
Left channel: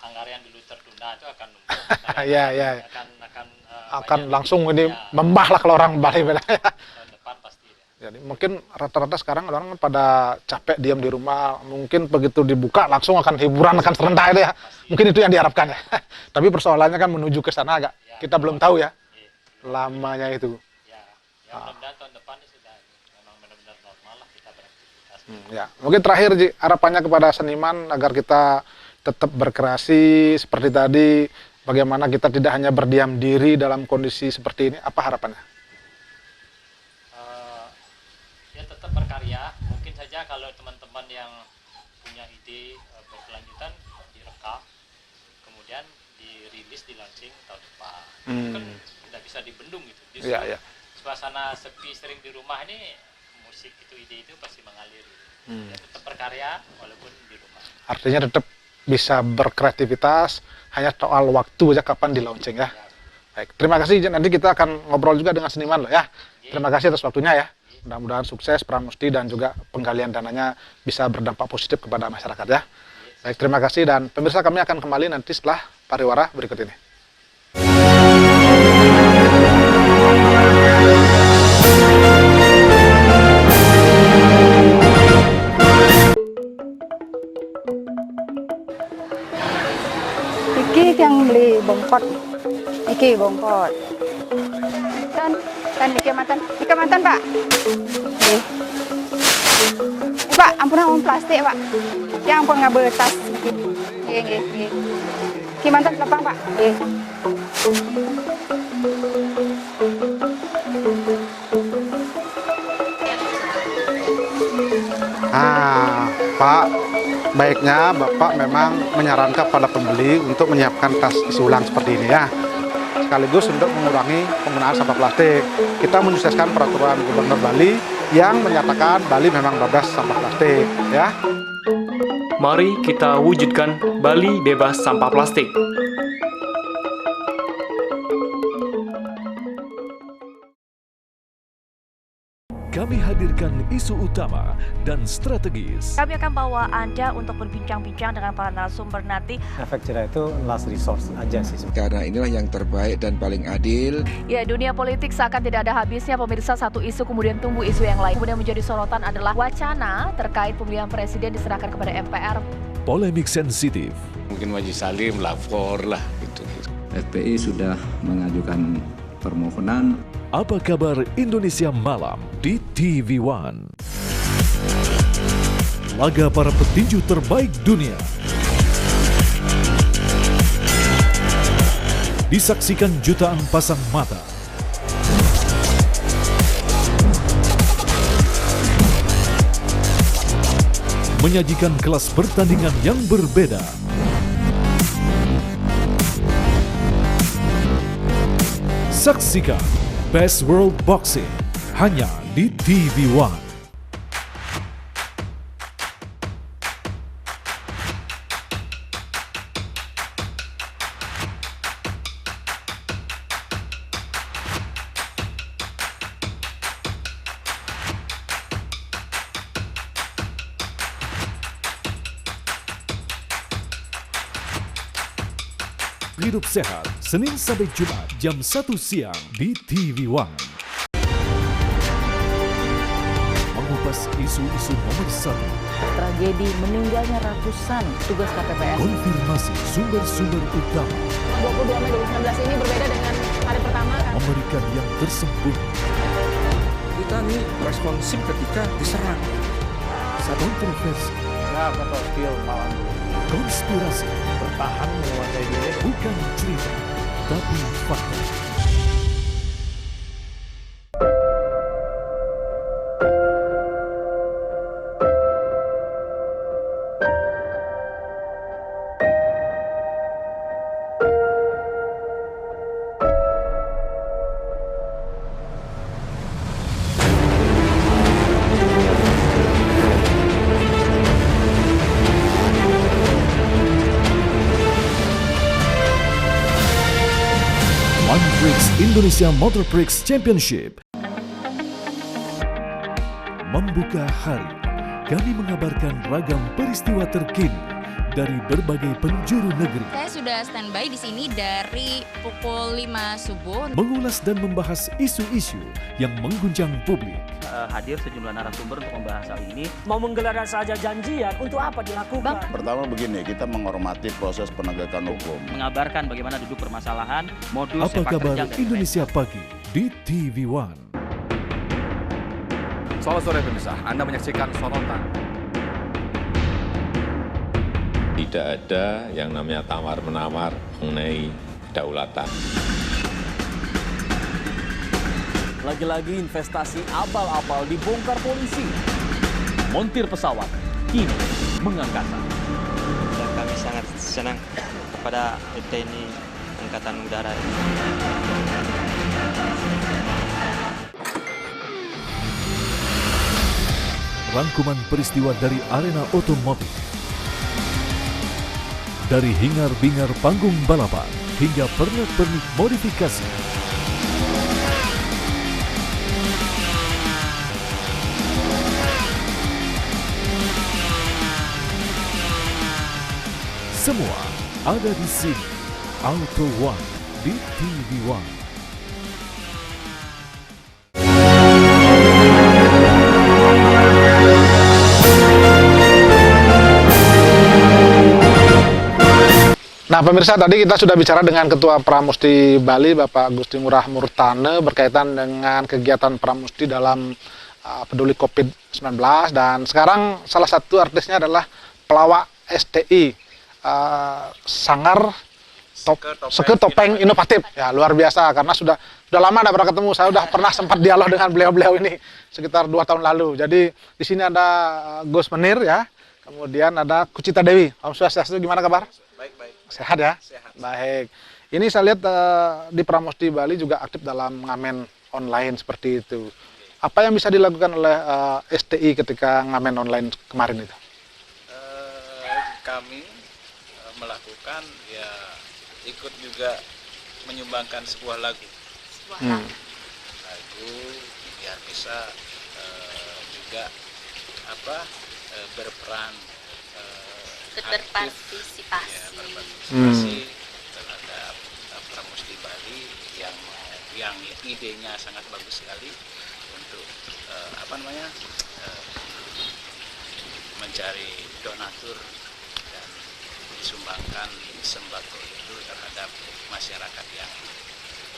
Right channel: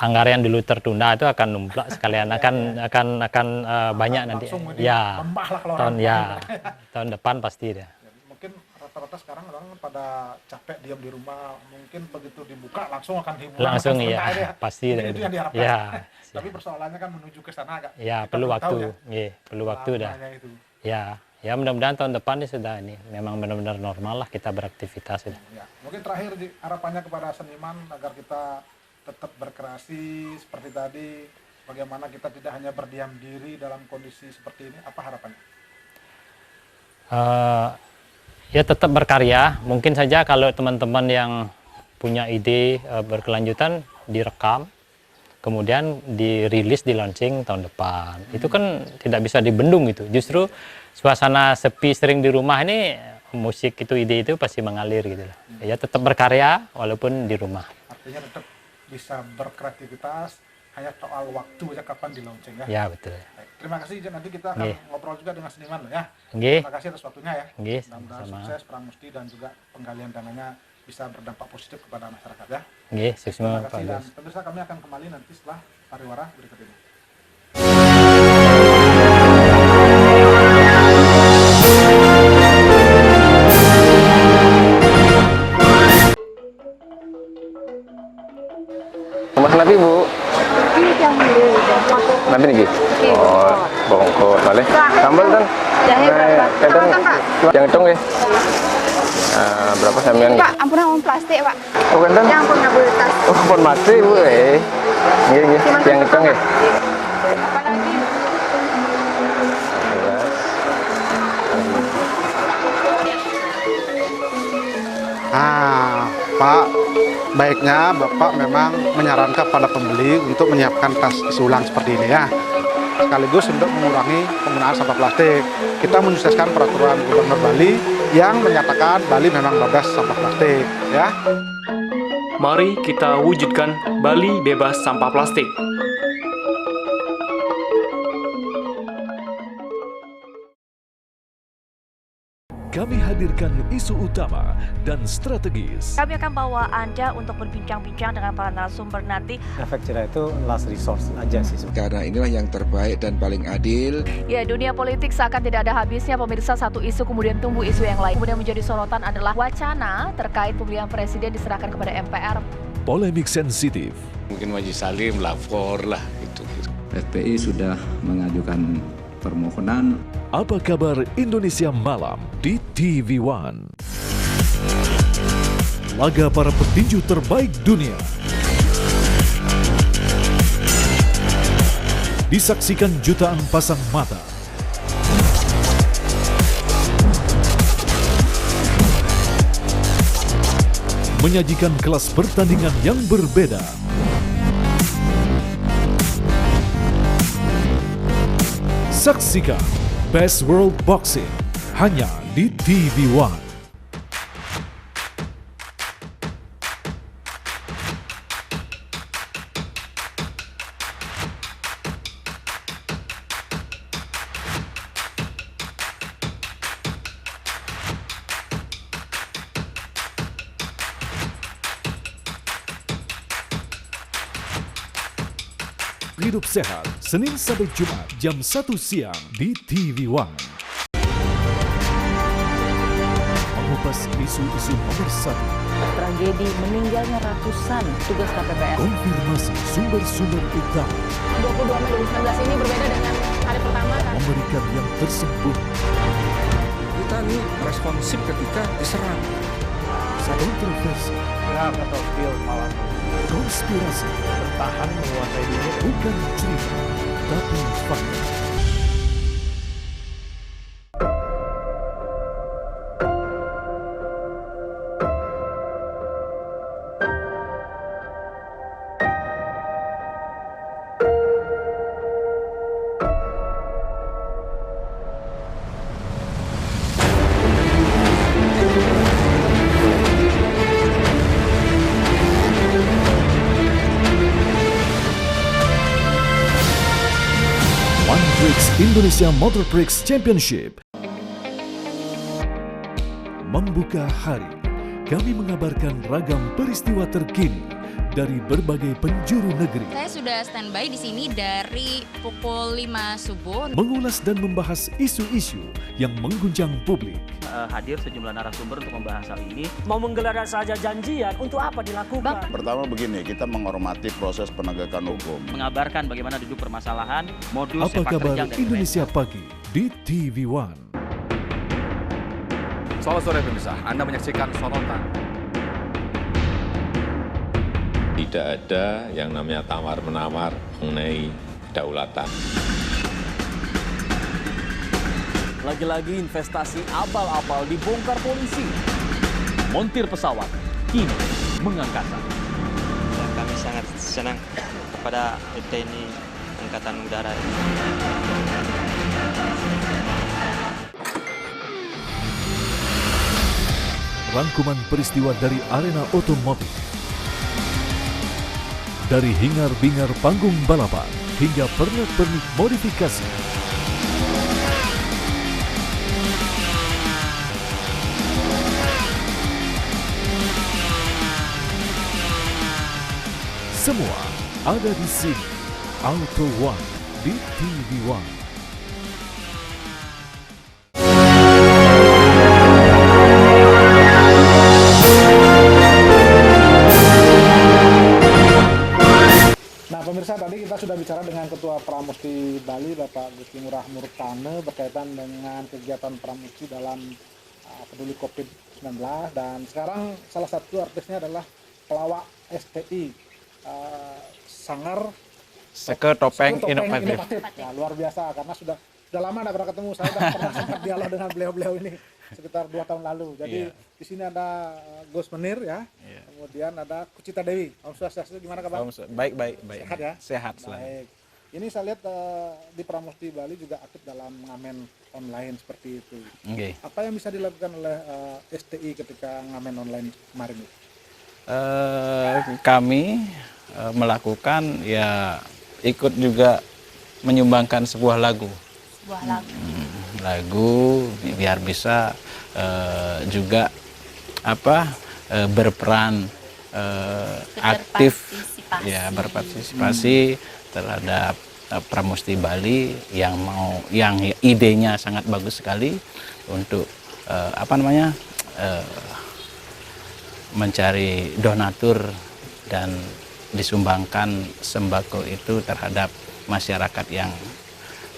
anggaran yang dulu tertunda itu akan numplak sekalian akan banyak langsung nanti. Ini membah lah kalau orang baik. Tahun depan pasti deh. Jadi mungkin rata-rata sekarang orang pada capek diam di rumah, mungkin begitu dibuka langsung akan hiburan, akan serentak ya. Mungkin itu yang diharapkan. Ya. Tapi persoalannya kan menuju ke sana agak kita belum tahu ya. Perlu waktu lamanya itu. Ya mudah-mudahan tahun depan ini sudah memang benar-benar normal lah kita beraktivitas itu. Ya. Mungkin terakhir Ji, harapannya kepada seniman agar kita tetap berkreasi seperti tadi, bagaimana kita tidak hanya berdiam diri dalam kondisi seperti ini, apa harapannya? Ya tetap berkarya, mungkin saja kalau teman-teman yang punya ide berkelanjutan direkam, kemudian dirilis, di launching tahun depan. Itu kan tidak bisa dibendung itu, justru suasana sepi sering di rumah ini, musik itu, ide itu pasti mengalir gitu. Ya tetap berkarya walaupun di rumah. Artinya tetap bisa berkreativitas, hanya soal waktu aja kapan di launching ya. Ya betul. Baik, terima kasih. Nanti kita akan ngobrol juga dengan seniman loh ya. Terima kasih atas waktunya ya. Mudah-mudahan sukses Pramusti dan juga penggalian dananya bisa berdampak positif kepada masyarakat ya. Baik, terima kasih dan pemirsa, kami akan kembali nanti setelah pariwara berikut ini. Nanti Bu. Iki yang di Depok. Nanti nih. Oh, bongkot boleh. Sambal kan? Kecamatan Pak. Yang hitung ya. Berapa sama yang? Pak, ampunan uang plastik Pak. Oh kan? Yang ampun nggak boleh tas. Oh ampun mati Bu. Yang hitung ya. Pak, baiknya Bapak memang menyarankan pada pembeli untuk menyiapkan tas isi ulang seperti ini ya. Sekaligus untuk mengurangi penggunaan sampah plastik. Kita menyukseskan peraturan Gubernur Bali yang menyatakan Bali memang bebas sampah plastik ya. Mari kita wujudkan Bali bebas sampah plastik. kami hadirkan isu utama dan strategis. Kami akan bawa Anda untuk berbincang-bincang dengan para narasumber nanti. Efek jerah itu last resource aja sih. Karena inilah yang terbaik dan paling adil. Ya, dunia politik seakan tidak ada habisnya, pemirsa. Satu isu kemudian tumbuh isu yang lain. Kemudian menjadi sorotan adalah wacana terkait pemilihan presiden diserahkan kepada MPR. Polemik sensitif. Mungkin Majelis Salim lapor lah gitu. FPI sudah mengajukan permohonan. Apa kabar Indonesia Malam di TV One? Laga para petinju terbaik dunia disaksikan jutaan pasang mata. Menyajikan kelas pertandingan yang berbeda. Saksikan Best World Boxing hanya di TV One. Hidup sehat, Senin sampai Jumat jam 1 siang di TV One. Mengupas isu-isu nomor 1. Tragedi meninggalnya ratusan petugas KPPS. Konfirmasi sumber-sumber utama. 22 Mei 2019 ini berbeda dengan hari pertama kan? Memberikan yang tersembunyi. Kita ini responsif ketika diserang. Kontroversi. Ya, atau feel malam. Konspirasi. Bertahan menguasai dunia. Bukan cerita, tapi fakta. One Bricks Indonesia Motor Prix Championship membuka hari. Kami mengabarkan ragam peristiwa terkini dari berbagai penjuru negeri. Saya sudah standby di sini dari pukul 5 subuh. Mengulas dan membahas isu-isu yang mengguncang publik. Hadir sejumlah narasumber untuk membahas hal ini. Mau menggelar saja janjian, untuk apa dilakukan? Pertama begini, kita menghormati proses penegakan hukum. Mengabarkan bagaimana duduk permasalahan, modus Apa sepak kabar terjang dan Indonesia Pagi di TV One. Selamat sore pemirsa, Anda menyaksikan Sorotan. Tidak ada yang namanya tawar-menawar mengenai kedaulatan. Lagi-lagi investasi abal-abal dibongkar polisi. Montir pesawat kini mengangkasa. Dan kami sangat senang kepada TNI Angkatan Udara. Rangkuman peristiwa dari arena otomotif. Dari hingar-bingar panggung balapan hingga pernak-pernik modifikasi. Semua ada di sini. Auto One di TV One. Nah pemirsa, tadi kita sudah bicara dengan Ketua Pramusti Bali, Bapak Gusti Ngurah Murtane, berkaitan dengan kegiatan Pramusti dalam peduli COVID-19. Dan sekarang salah satu artisnya adalah pelawak STI, Sanggar Seke Topeng Inovatif. Ya, luar biasa, karena sudah lama tidak pernah ketemu. Saya sudah pernah sempat dialog dengan beliau-beliau ini sekitar 2 tahun lalu. Jadi di sini ada Gus Menir ya. Kemudian ada Kucita Dewi. Om Swastiastu, gimana kabar? Baik. Sehat ya? Sehat. Baik. Ini saya lihat di Pramusti Bali juga aktif dalam ngamen online seperti itu. Okay. Apa yang bisa dilakukan oleh STI ketika ngamen online kemarin itu? Kami melakukan ikut juga menyumbangkan sebuah lagu. lagu biar bisa juga berperan aktif ya, berpartisipasi terhadap Pramusti Bali yang idenya sangat bagus sekali untuk mencari donatur dan disumbangkan sembako itu terhadap masyarakat yang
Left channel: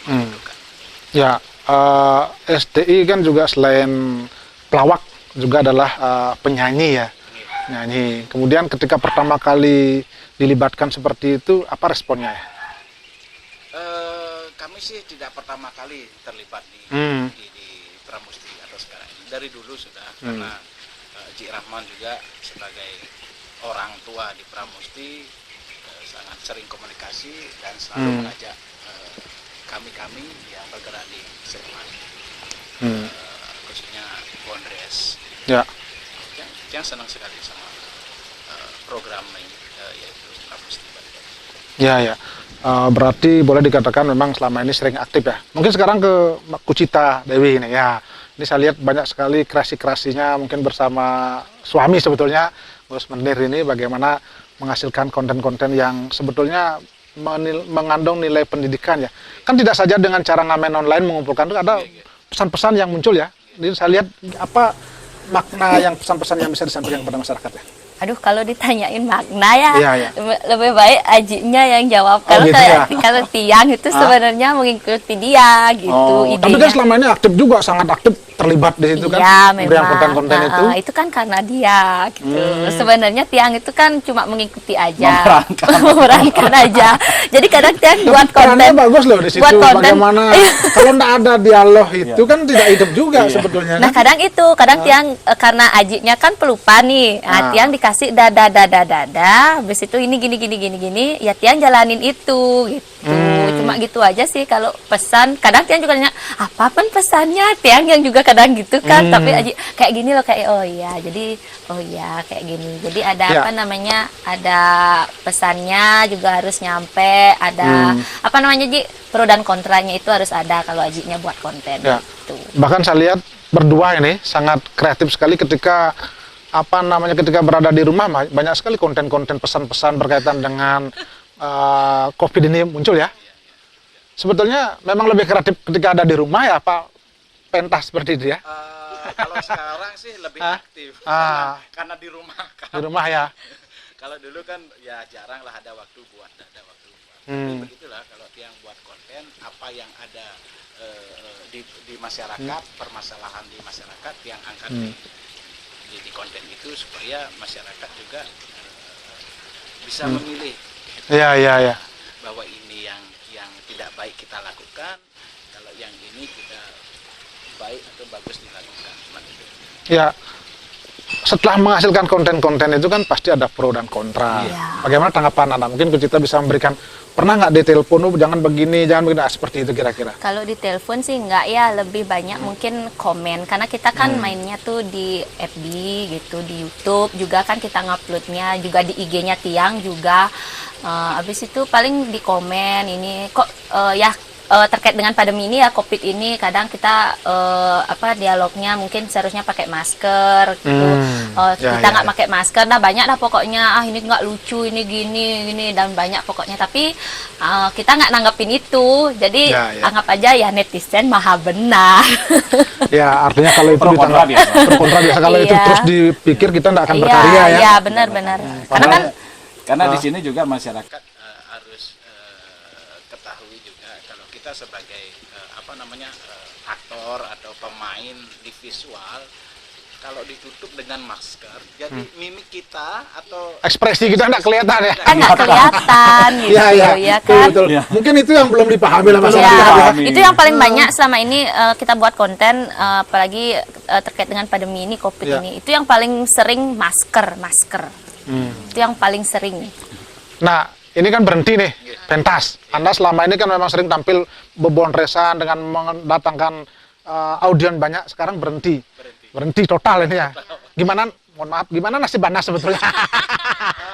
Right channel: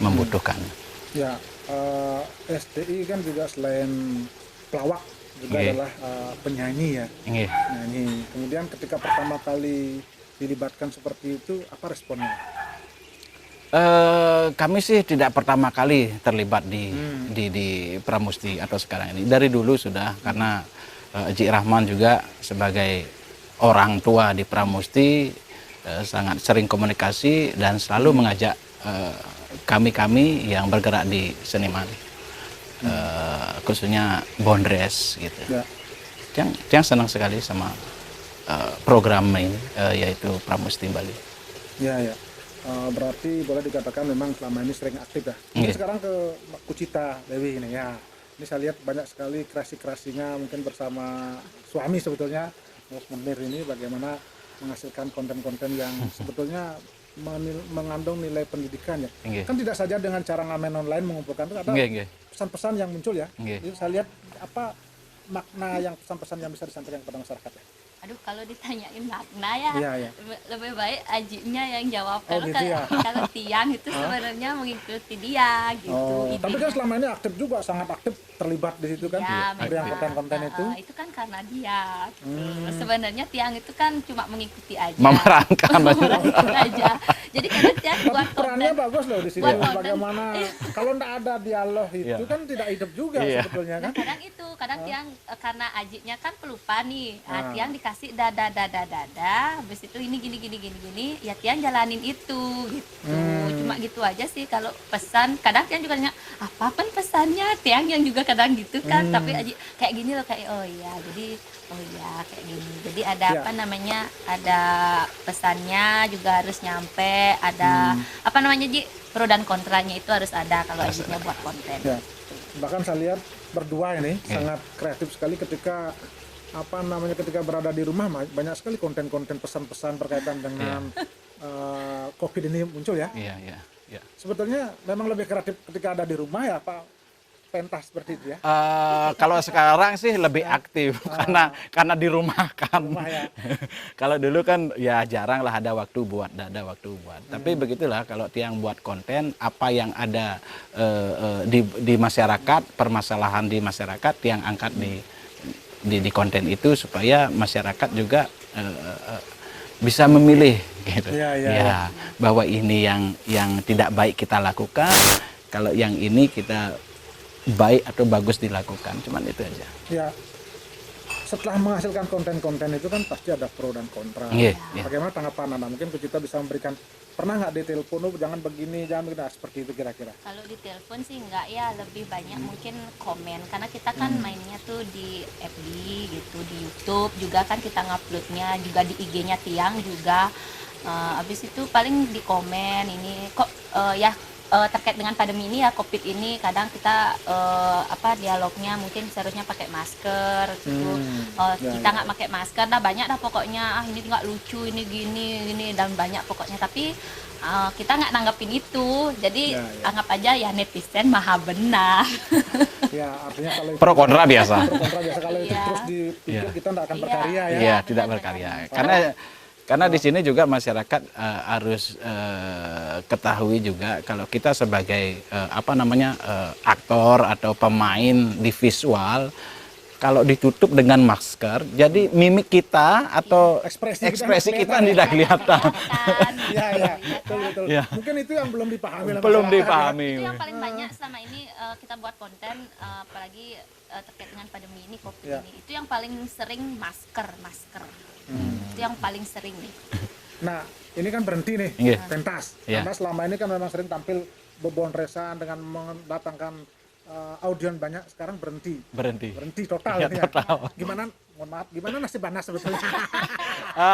membutuhkan. Ya, SDI kan juga selain pelawak juga adalah penyanyi ya. Penyanyi. Kemudian ketika pertama kali dilibatkan seperti itu, apa responnya? Kami sih tidak pertama kali terlibat di Pramusti atau sekarang ini. Dari dulu sudah, karena Eji Rahman juga sebagai orang tua di Pramusti sangat sering komunikasi dan selalu mengajak kami yang bergerak di seniman, khususnya Bondres gitu. Ya. Yang senang sekali sama program ini, yaitu Pramusti Bali. Ya. Berarti boleh dikatakan memang selama ini sering aktif ya. Mungkin sekarang ke Kucita Dewi ini ya. Ini saya lihat banyak sekali kreasi-kreasinya, mungkin bersama suami sebetulnya, Gus Menir ini bagaimana menghasilkan konten-konten yang sebetulnya mengandung nilai pendidikan ya. Kan tidak saja dengan cara ngamen online mengumpulkan, itu ada pesan-pesan yang muncul ya. Jadi saya lihat apa makna yang pesan-pesan yang bisa disampaikan kepada masyarakat ya. Aduh, kalau ditanyain makna ya, lebih baik Ajinya yang jawab. Kalau kalau Tiang itu sebenarnya mengikuti dia gitu. Tapi kan selama ini aktif juga, sangat aktif terlibat di situ kan. Ya, memang. Konten-konten itu kan karena dia gitu. Sebenarnya Tiang itu kan cuma mengikuti aja, memerankan aja. Jadi kadang Tiang buat konten. Bagus loh di situ. Bagaimana kalau nggak ada dialog itu kan tidak hidup juga sebetulnya. Nah kadang Tiang karena Ajinya kan pelupa nih. Tiang dikasih dada, habis itu ini gini, ya Tiang jalanin itu gitu. Cuma gitu aja sih kalau pesan. Kadang Tiang juga nanya, apapun pesannya, Tiang yang juga kadang gitu kan. Tapi Aji kayak gini loh, kayak kayak gini. Jadi ada ada pesannya juga harus nyampe, ada Ji, pro dan kontranya itu harus ada kalau Ajinya buat konten gitu. Bahkan saya lihat berdua ini sangat kreatif sekali ketika ketika berada di rumah, banyak sekali konten-konten pesan-pesan berkaitan dengan COVID ini muncul ya. Sebetulnya memang lebih kreatif ketika ada di rumah ya, Pak? Pentas seperti itu ya? Kalau sekarang sih lebih aktif karena di rumah kan. Di rumah ya. Kalau dulu kan ya jarang lah ada waktu buat. Tapi begitulah kalau Tiang buat konten, apa yang ada di masyarakat, permasalahan di masyarakat, Tiang angkat di konten itu supaya masyarakat juga bisa memilih gitu. Ya. Bahwa ini yang tidak baik kita lakukan, kalau yang ini kita baik atau bagus dilakukan, cuman itu aja. Ya, setelah menghasilkan konten-konten itu kan pasti ada pro dan kontra. Bagaimana tanggapan Anda? Mungkin kita bisa memberikan, pernah nggak ditelepon, jangan begini, seperti itu kira-kira? Kalau ditelepon sih nggak ya, lebih banyak mungkin komen. Karena kita kan mainnya tuh di FB gitu, di YouTube juga kan kita nguploadnya, juga di IG-nya Tiang juga. Habis itu paling di komen ini, kok terkait dengan pandemi ini ya, COVID ini, kadang kita dialognya mungkin seharusnya pakai masker gitu. Kita nggak pakai masker, banyak pokoknya, ini nggak lucu, ini gini, dan banyak pokoknya. Tapi kita nggak nanggapin itu, jadi anggap aja ya netizen maha benar. Ya, artinya kalau itu pro kontra biasa. Kalau itu terus dipikir kita nggak akan berkarya ya. Iya, benar-benar. Karena di sini juga masyarakat harus ketahui juga kalau kita sebagai aktor atau pemain di visual, kalau ditutup dengan masker, jadi mimik kita atau ekspresi kita nggak kelihatan ya. Nggak kelihatan gitu ya kan. Betul. Mungkin itu yang belum dipahami lah masyarakat. Itu yang paling banyak selama ini kita buat konten, apalagi terkait dengan pandemi ini, COVID ini. Itu yang paling sering masker. Itu yang paling sering. Nah, ini kan berhenti nih, pentas. Anda selama ini kan memang sering tampil bebondresan dengan mendatangkan audien banyak, sekarang berhenti total ini ya. Gimana, mohon maaf, gimana nasib Anda sebetulnya?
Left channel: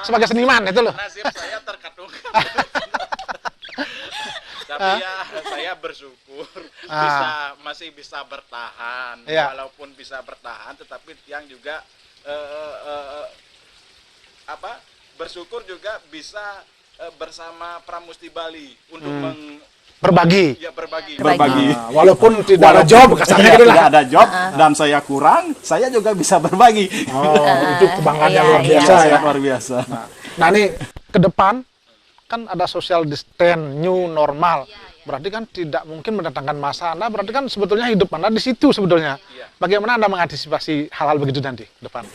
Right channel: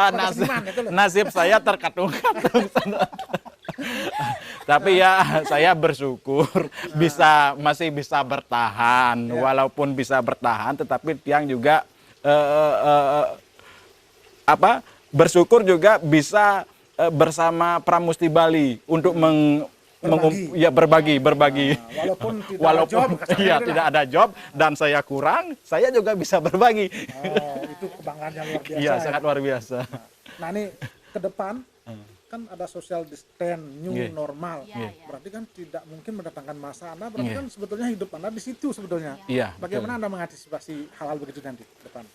Sebagai seniman itu loh. Nasib saya terkatung-katung. Tapi ya saya bersyukur masih bisa bertahan, walaupun bisa bertahan, tetapi tiang juga bersyukur juga bisa bersama Pramusti Bali untuk berbagi. Walaupun tidak ada job, tidak ada job dan saya kurang, saya juga bisa berbagi. Itu kebanggaannya luar biasa ya. Luar biasa. Nah ini ke depan kan ada social distance, new normal. Berarti kan tidak mungkin mendatangkan masa Anda, berarti kan sebetulnya hidup Anda di situ sebetulnya. Bagaimana Anda mengantisipasi hal-hal begitu nanti ke depan?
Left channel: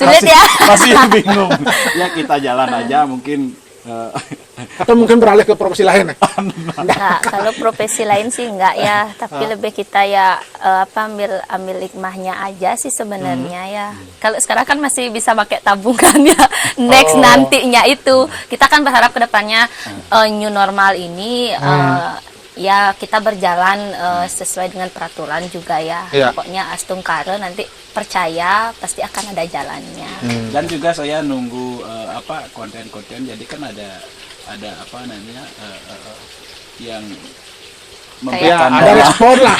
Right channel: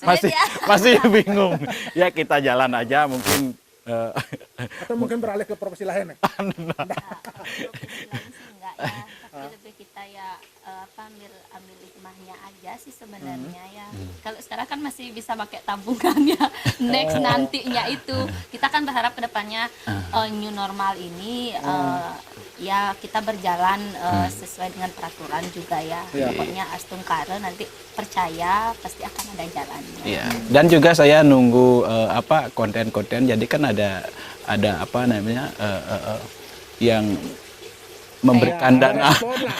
Sulit ya? Masih bingung. Ya kita jalan aja mungkin. Atau mungkin beralih ke profesi lain? Nah, kalau profesi lain sih enggak ya, tapi lebih kita ya ambil hikmahnya aja sih sebenarnya ya. Kalau sekarang kan masih bisa pakai tabungan ya, next nantinya itu. Kita kan berharap ke depannya new normal ini ya kita berjalan sesuai dengan peraturan juga ya. Pokoknya astung karo nanti percaya pasti akan ada jalannya. Dan juga saya nunggu konten-konten, jadi kan ada apa namanya yang memberikan ada respon lah,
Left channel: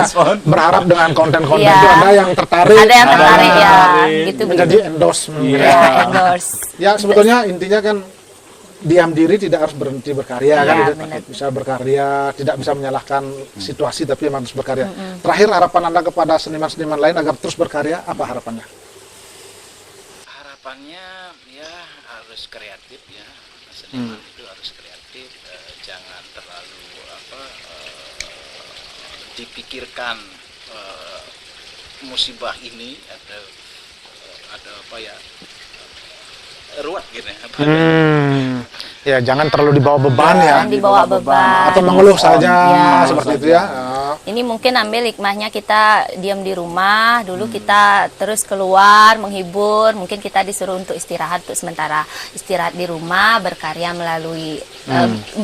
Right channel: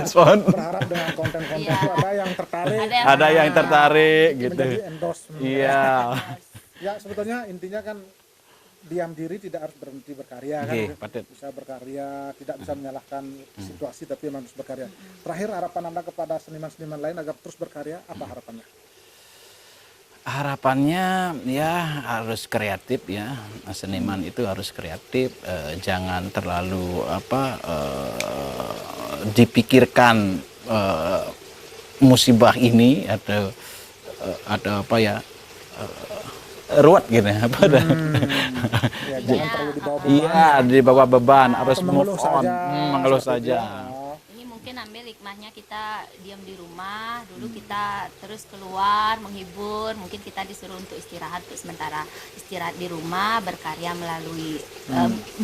respon. Berharap dengan konten-konten itu ada yang tertarik, gitu, menjadi endorsement. Ya sebetulnya intinya kan diam diri, tidak harus berhenti berkarya kan, bisa berkarya, tidak bisa menyalahkan situasi tapi memang harus berkarya. Terakhir harapan Anda kepada seniman-seniman lain agar terus berkarya, apa harapannya? Harapannya ya harus kreatif ya, seniman itu harus kreatif, jangan terlalu dipikirkan musibah ini atau apa ya, ruwet gitu ya. Jangan terlalu dibawa beban dibawa beban atau mengeluh saja seperti itu ya. Ini mungkin ambil hikmahnya, kita diam di rumah dulu, kita terus keluar menghibur, mungkin kita disuruh untuk istirahat, untuk sementara istirahat di rumah, berkarya melalui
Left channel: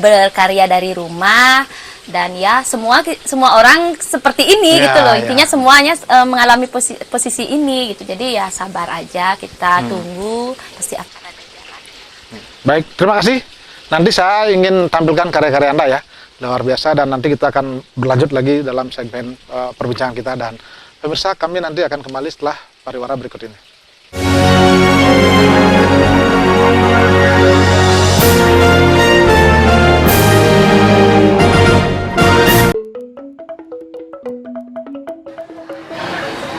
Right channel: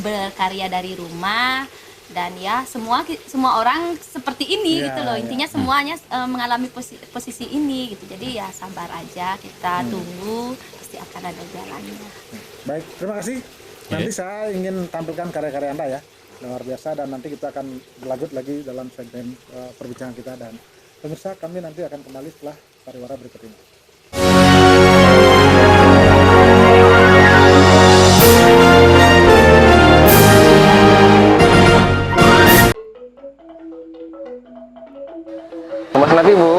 berkarya dari rumah. Dan ya semua orang seperti ini gitu loh, intinya semuanya mengalami posisi ini gitu. Jadi ya sabar aja, kita tunggu, pasti akan ada jalannya. Baik, terima kasih. Nanti saya ingin tampilkan karya-karya Anda ya, luar biasa, dan nanti kita akan berlanjut lagi dalam segmen perbincangan kita. Dan pemirsa, kami nanti akan kembali setelah pariwara berikut ini. Nanti Bu.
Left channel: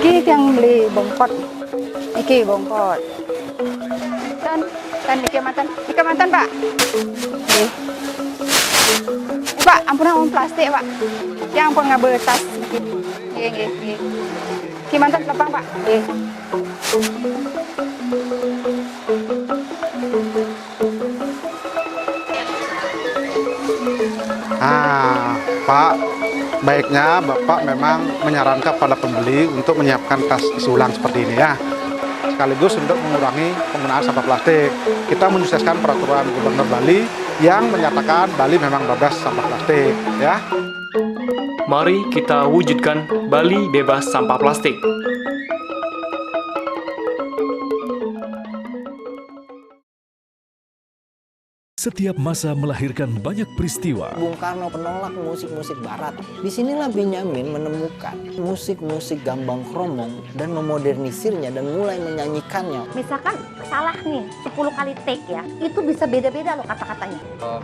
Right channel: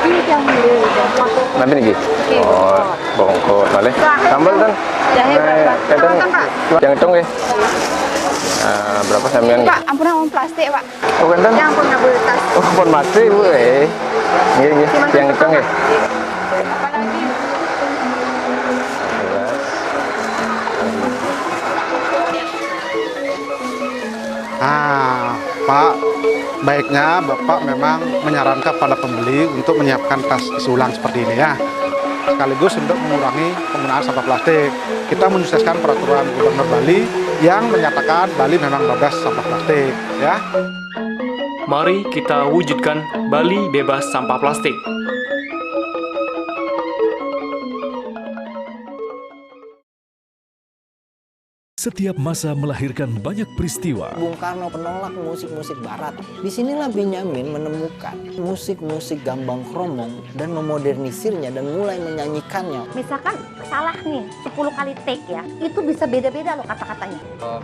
Iki yang di depot. Nanti nih. Oh, bongkot balik. Sambal kan? Jahe. Pak. Yang hitung ya. Berapa sampean? Pak, ampunan plastik, Pak. Oh, benten. Yang ampun nggak boleh plastik. Oh, ampun masih Bu. Nggih. Yang hitung ya. Pak, baiknya Bapak memang menyarankan pada pembeli untuk menyiapkan tas isi ulang seperti ini ya. Sekaligus untuk mengurangi penggunaan sampah plastik. Kita menyukseskan peraturan Gubernur Bali yang menyatakan Bali memang bebas sampah plastik ya. Mari kita wujudkan Bali bebas sampah plastik. Setiap masa melahirkan banyak peristiwa. Bung Karno penolak musik-musik barat. Disinilah Benyamin menemukan musik-musik gambang kromong dan memodernisirnya dan mulai menyanyikannya. Misalkan salah nih 10 kali take ya, itu bisa beda-beda loh kata-katanya.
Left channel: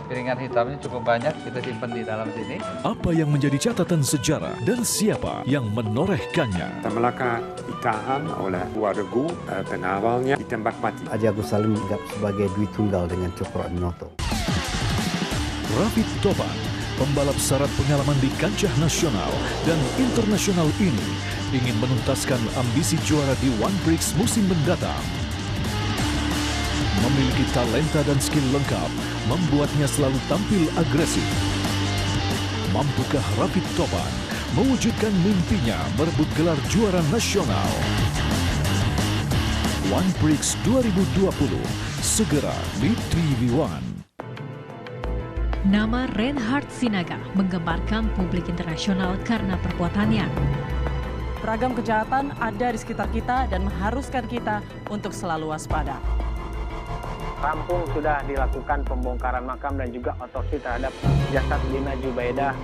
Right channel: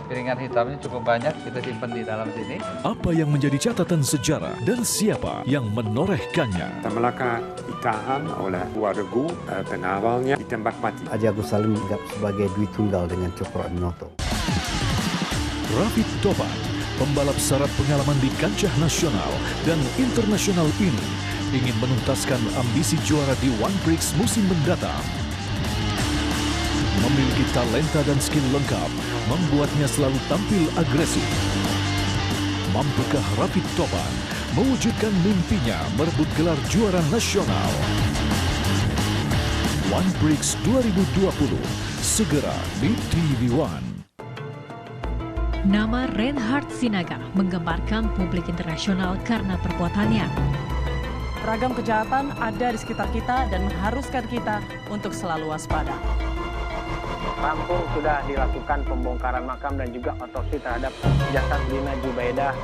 Piringan hitamnya cukup banyak, kita simpan di dalam sini. Apa yang menjadi catatan sejarah dan siapa yang menorehkannya? Malaka ditahan oleh dua regu pengawalnya ditembak mati. Haji Agus Salim dianggap sebagai Dwi Tunggal dengan Cokro Aminoto. Rafid Topan, pembalap syarat pengalaman di kancah nasional dan internasional ini, ingin menuntaskan ambisi juara di One Prix musim mendatang. Memiliki talenta dan skill lengkap, membuatnya selalu tampil agresif. Mampukah Rafid Topan mewujudkan mimpinya merebut gelar juara nasional? One Prix 2020 segera di TV One. Nama Reinhard Sinaga menggemparkan publik internasional karena perbuatannya. Ragam kejahatan ada di sekitar kita dan mengharuskan kita untuk selalu waspada. rampung sudah dilakukan pembongkaran makam dan juga otopsi terhadap jasad Lina Jubaidah.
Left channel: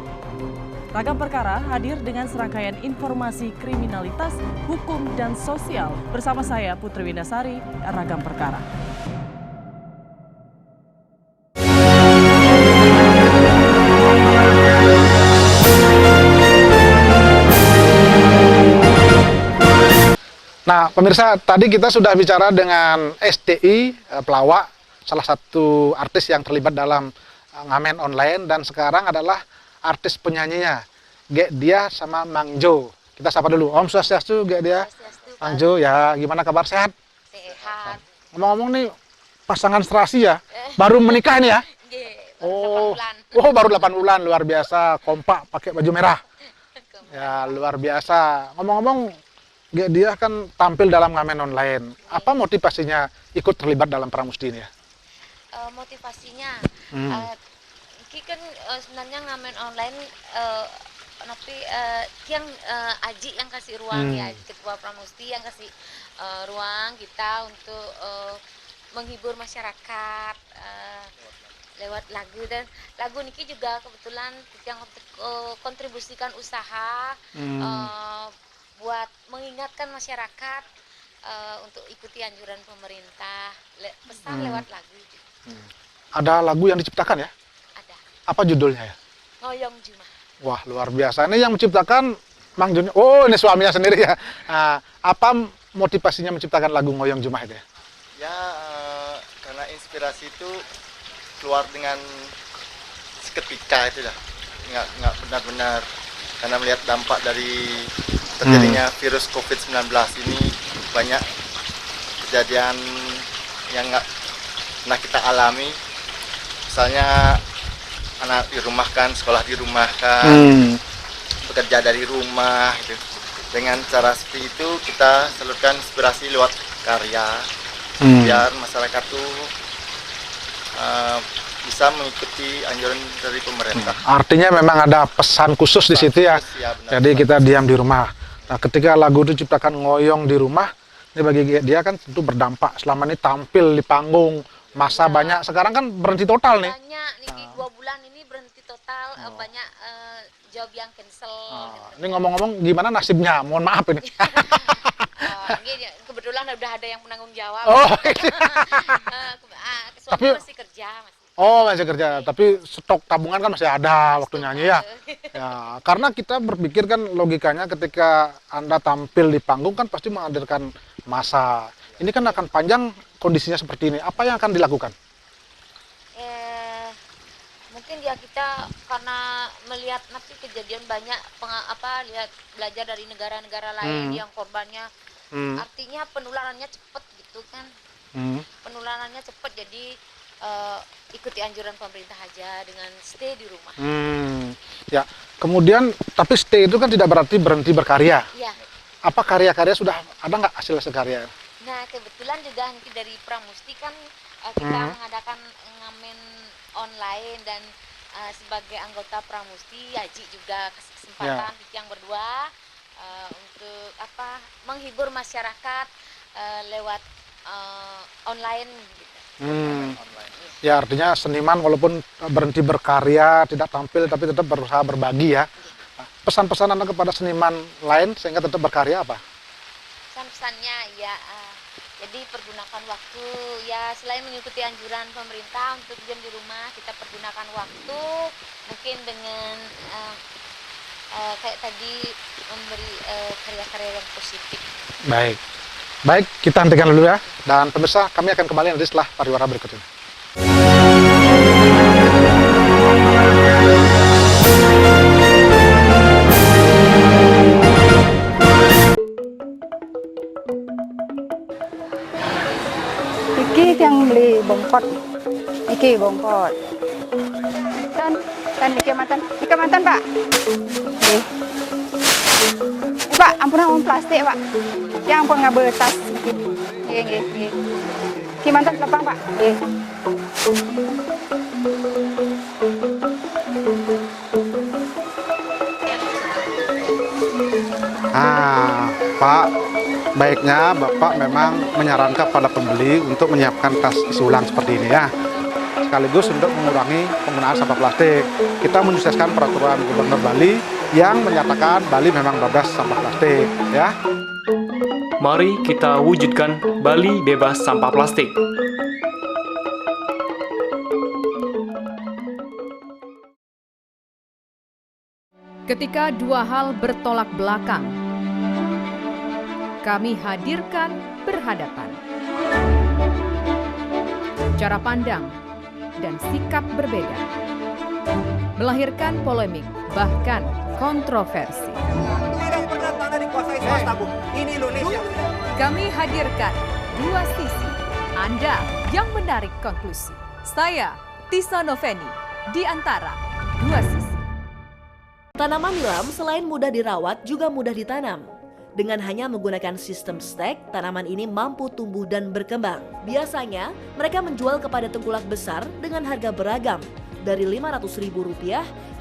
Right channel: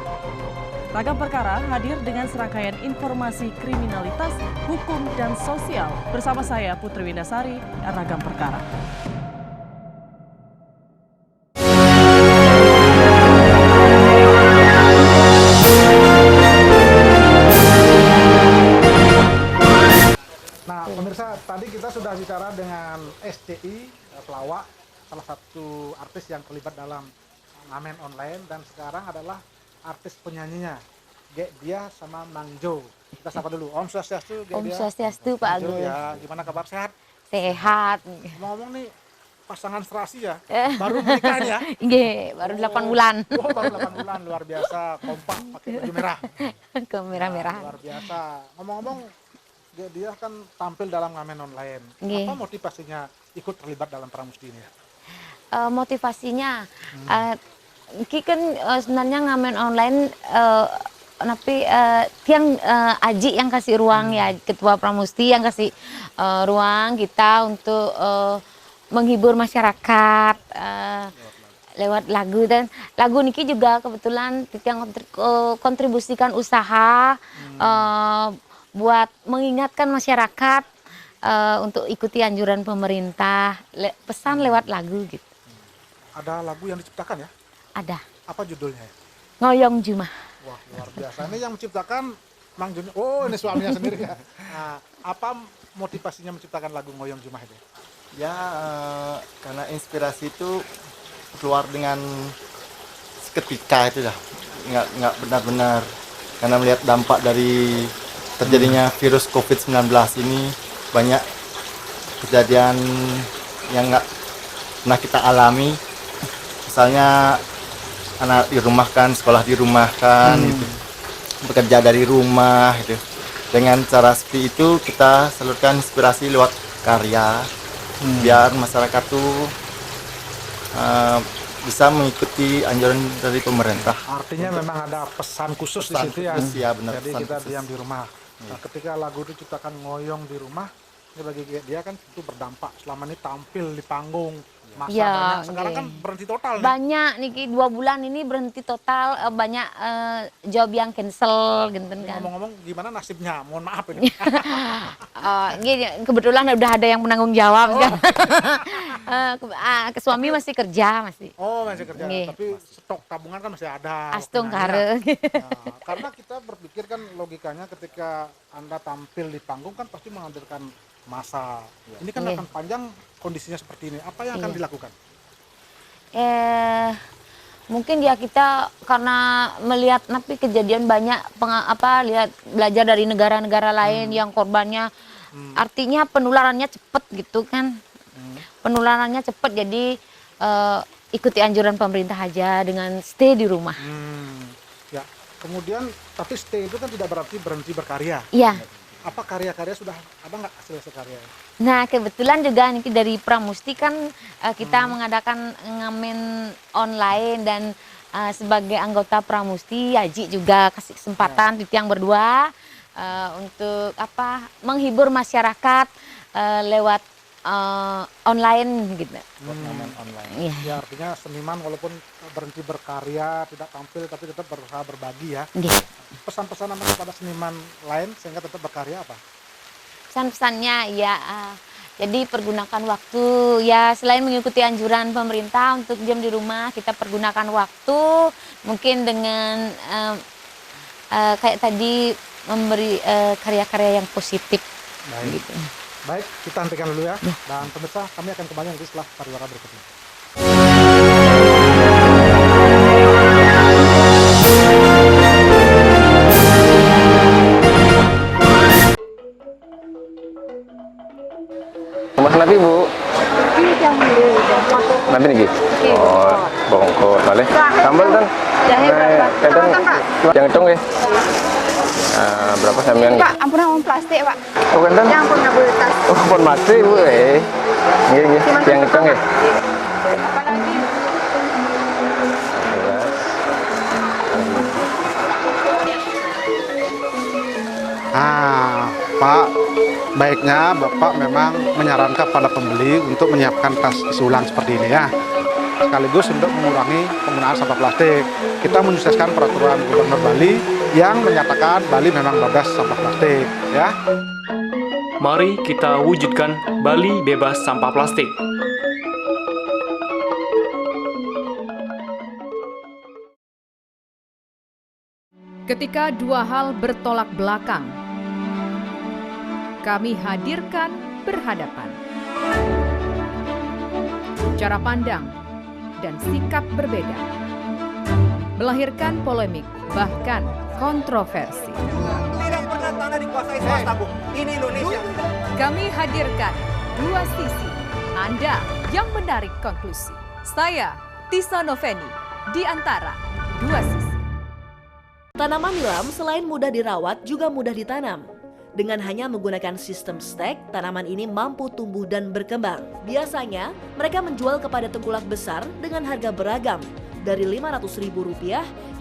Ragam Perkara hadir dengan serangkaian informasi kriminalitas, hukum, dan sosial. Bersama saya Putri Windasari, Ragam Perkara. Nah, pemirsa, tadi kita sudah bicara dengan STI pelawak, salah satu artis yang terlibat dalam ngamen online, dan sekarang adalah artis penyanyinya, Gek Dia sama Mang Jo. Kita sapa dulu. Om Swastiastu, Gek Dia. Om Swastiastu, Pak Mang Jo, Ali. ya gimana kabar, sehat? Sehat. Ngomong-ngomong nih, pasangan serasi ya, baru menikah nih ya? Iya, baru 8 bulan. Oh, baru 8 bulan, luar biasa, kompak, pakai baju merah. Merah-merah. Ya, luar biasa. Ngomong-ngomong, Gek Dia kan tampil dalam ngamen online. Nggih. Apa motivasinya ikut terlibat dalam Pramusti ini ya? Motivasinya, Ki kan sebenarnya ngamen online, tapi tiang Aji yang kasih ruang ya, Ketua Pramusti yang kasih ruang kita untuk menghibur masyarakat lewat lagu, dan lagu niki juga kebetulan yang kontribusikan usaha buat mengingatkan masyarakat untuk ikuti anjuran pemerintah, pesan lewat lagu gitu. Ada lagu yang diciptakan ya? Ada. Apa judulnya ya? Ngoyong Jumah. Wah, luar biasa. Ini yang menciptakan Mang Juni. Oh, ini suaminya sendiri ya. Nah, apa motivasinya menciptakan lagu Ngoyong Jumah itu ya? Ya, karena inspirasi itu keluar dengan seketika itu dah. Nggak benar-benar. Karena melihat dampak dari terjadinya virus COVID-19 ini, banyak kejadian yang nggak pernah kita alami. Misalnya anak dirumahkan, sekolah dirumahkan, bekerja dari rumah gitu. Dengan cara seperti itu kita salurkan inspirasi lewat karya, biar masyarakat tuh bisa mengikuti anjuran dari pemerintah. Artinya memang ada pesan khusus di situ ya. Ya, benar, jadi kita diam di rumah. Nah, ketika lagu itu diciptakan ngoyong di rumah, ini bagi dia kan tentu berdampak. Selama ini tampil di panggung, masa Ya, banyak. Sekarang kan berhenti total nih. Banyak nih 2 bulan ini berhenti total, banyak job yang cancel gitu. Ini ngomong-ngomong gimana nasibnya? Mohon maaf ini. Gini, kebetulan udah ada yang menanggung jawab. Suami masih kerja masih. Oh, masih kerja. Nih. Tapi stok tabungan kan masih ada waktunya ya. Ya. Karena kita berpikir kan logikanya ketika Anda tampil di panggung kan pasti menghadirkan massa. Ini kan akan panjang kondisinya seperti ini. Apa yang akan dilakukan? Mungkin ya kita karena melihat nanti kejadian banyak lihat belajar dari negara-negara lain yang korbannya artinya penularannya cepat gitu kan. Penularannya cepat, jadi ikuti anjuran pemerintah aja dengan stay di rumah. Ya, kemudian tapi stay itu kan tidak berarti berhenti berkarya. Iya. Apa karya-karya sudah ada nggak hasil karya? Nah, kebetulan juga nih dari Pramusti kan kita mengadakan ngamen online, dan sebagai anggota Pramusti, Aji juga kasih kesempatan di tiang berdua untuk menghibur masyarakat lewat online gitu. Ya, artinya seniman walaupun berhenti berkarya, tidak tampil, tapi tetap berusaha berbagi ya. Pesan-pesan Anda kepada seniman lain sehingga tetap berkarya apa? Pesan-pesannya ya, jadi pergunakan waktu ya, selain mengikuti anjuran pemerintah untuk diam di rumah, kita pergunakan waktu mungkin dengan kayak tadi memberi karya-karya yang positif. Baik. Baik, kita hentikan dulu ya. Dan pemirsa, kami akan kembali nanti setelah pariwara berikut ini. Rumah nabi Bu? Iki yang di Depok. Nabi nih? Iki. Oh, bongkot, boleh. Sambal kan? Jahe berapa? Keronton Pak. Yang hitung ya? Berapa sampean? Pak, ampunan uang plastik Pak. Oh, kan? Yang ampun nggak boleh tas. Oh, pun mati Bu eh. Nggih, yang hitung ya? Pak, baiknya Bapak memang menyarankan pada pembeli untuk menyiapkan tas isi ulang seperti ini ya. Sekaligus untuk mengurangi penggunaan sampah plastik. Kita menyukseskan peraturan Gubernur Bali yang menyatakan Bali memang bebas sampah plastik ya. Mari kita wujudkan Bali bebas sampah plastik. Ketika dua hal bertolak belakang, kami hadirkan berhadapan. Cara pandang dan sikap berbeda, melahirkan polemik, bahkan kontroversi. Tidak pernah tanah dikuasai swasta, Bu. Ini Indonesia. Kami hadirkan dua sisi, Anda yang menarik konklusi. Saya, Tisa Noveni, di antara dua sisi. Tanaman nilam selain mudah dirawat juga mudah ditanam. Dengan hanya menggunakan sistem stek, tanaman ini mampu tumbuh dan berkembang. Biasanya, mereka menjual kepada tengkulak besar dengan harga beragam, dari Rp500.000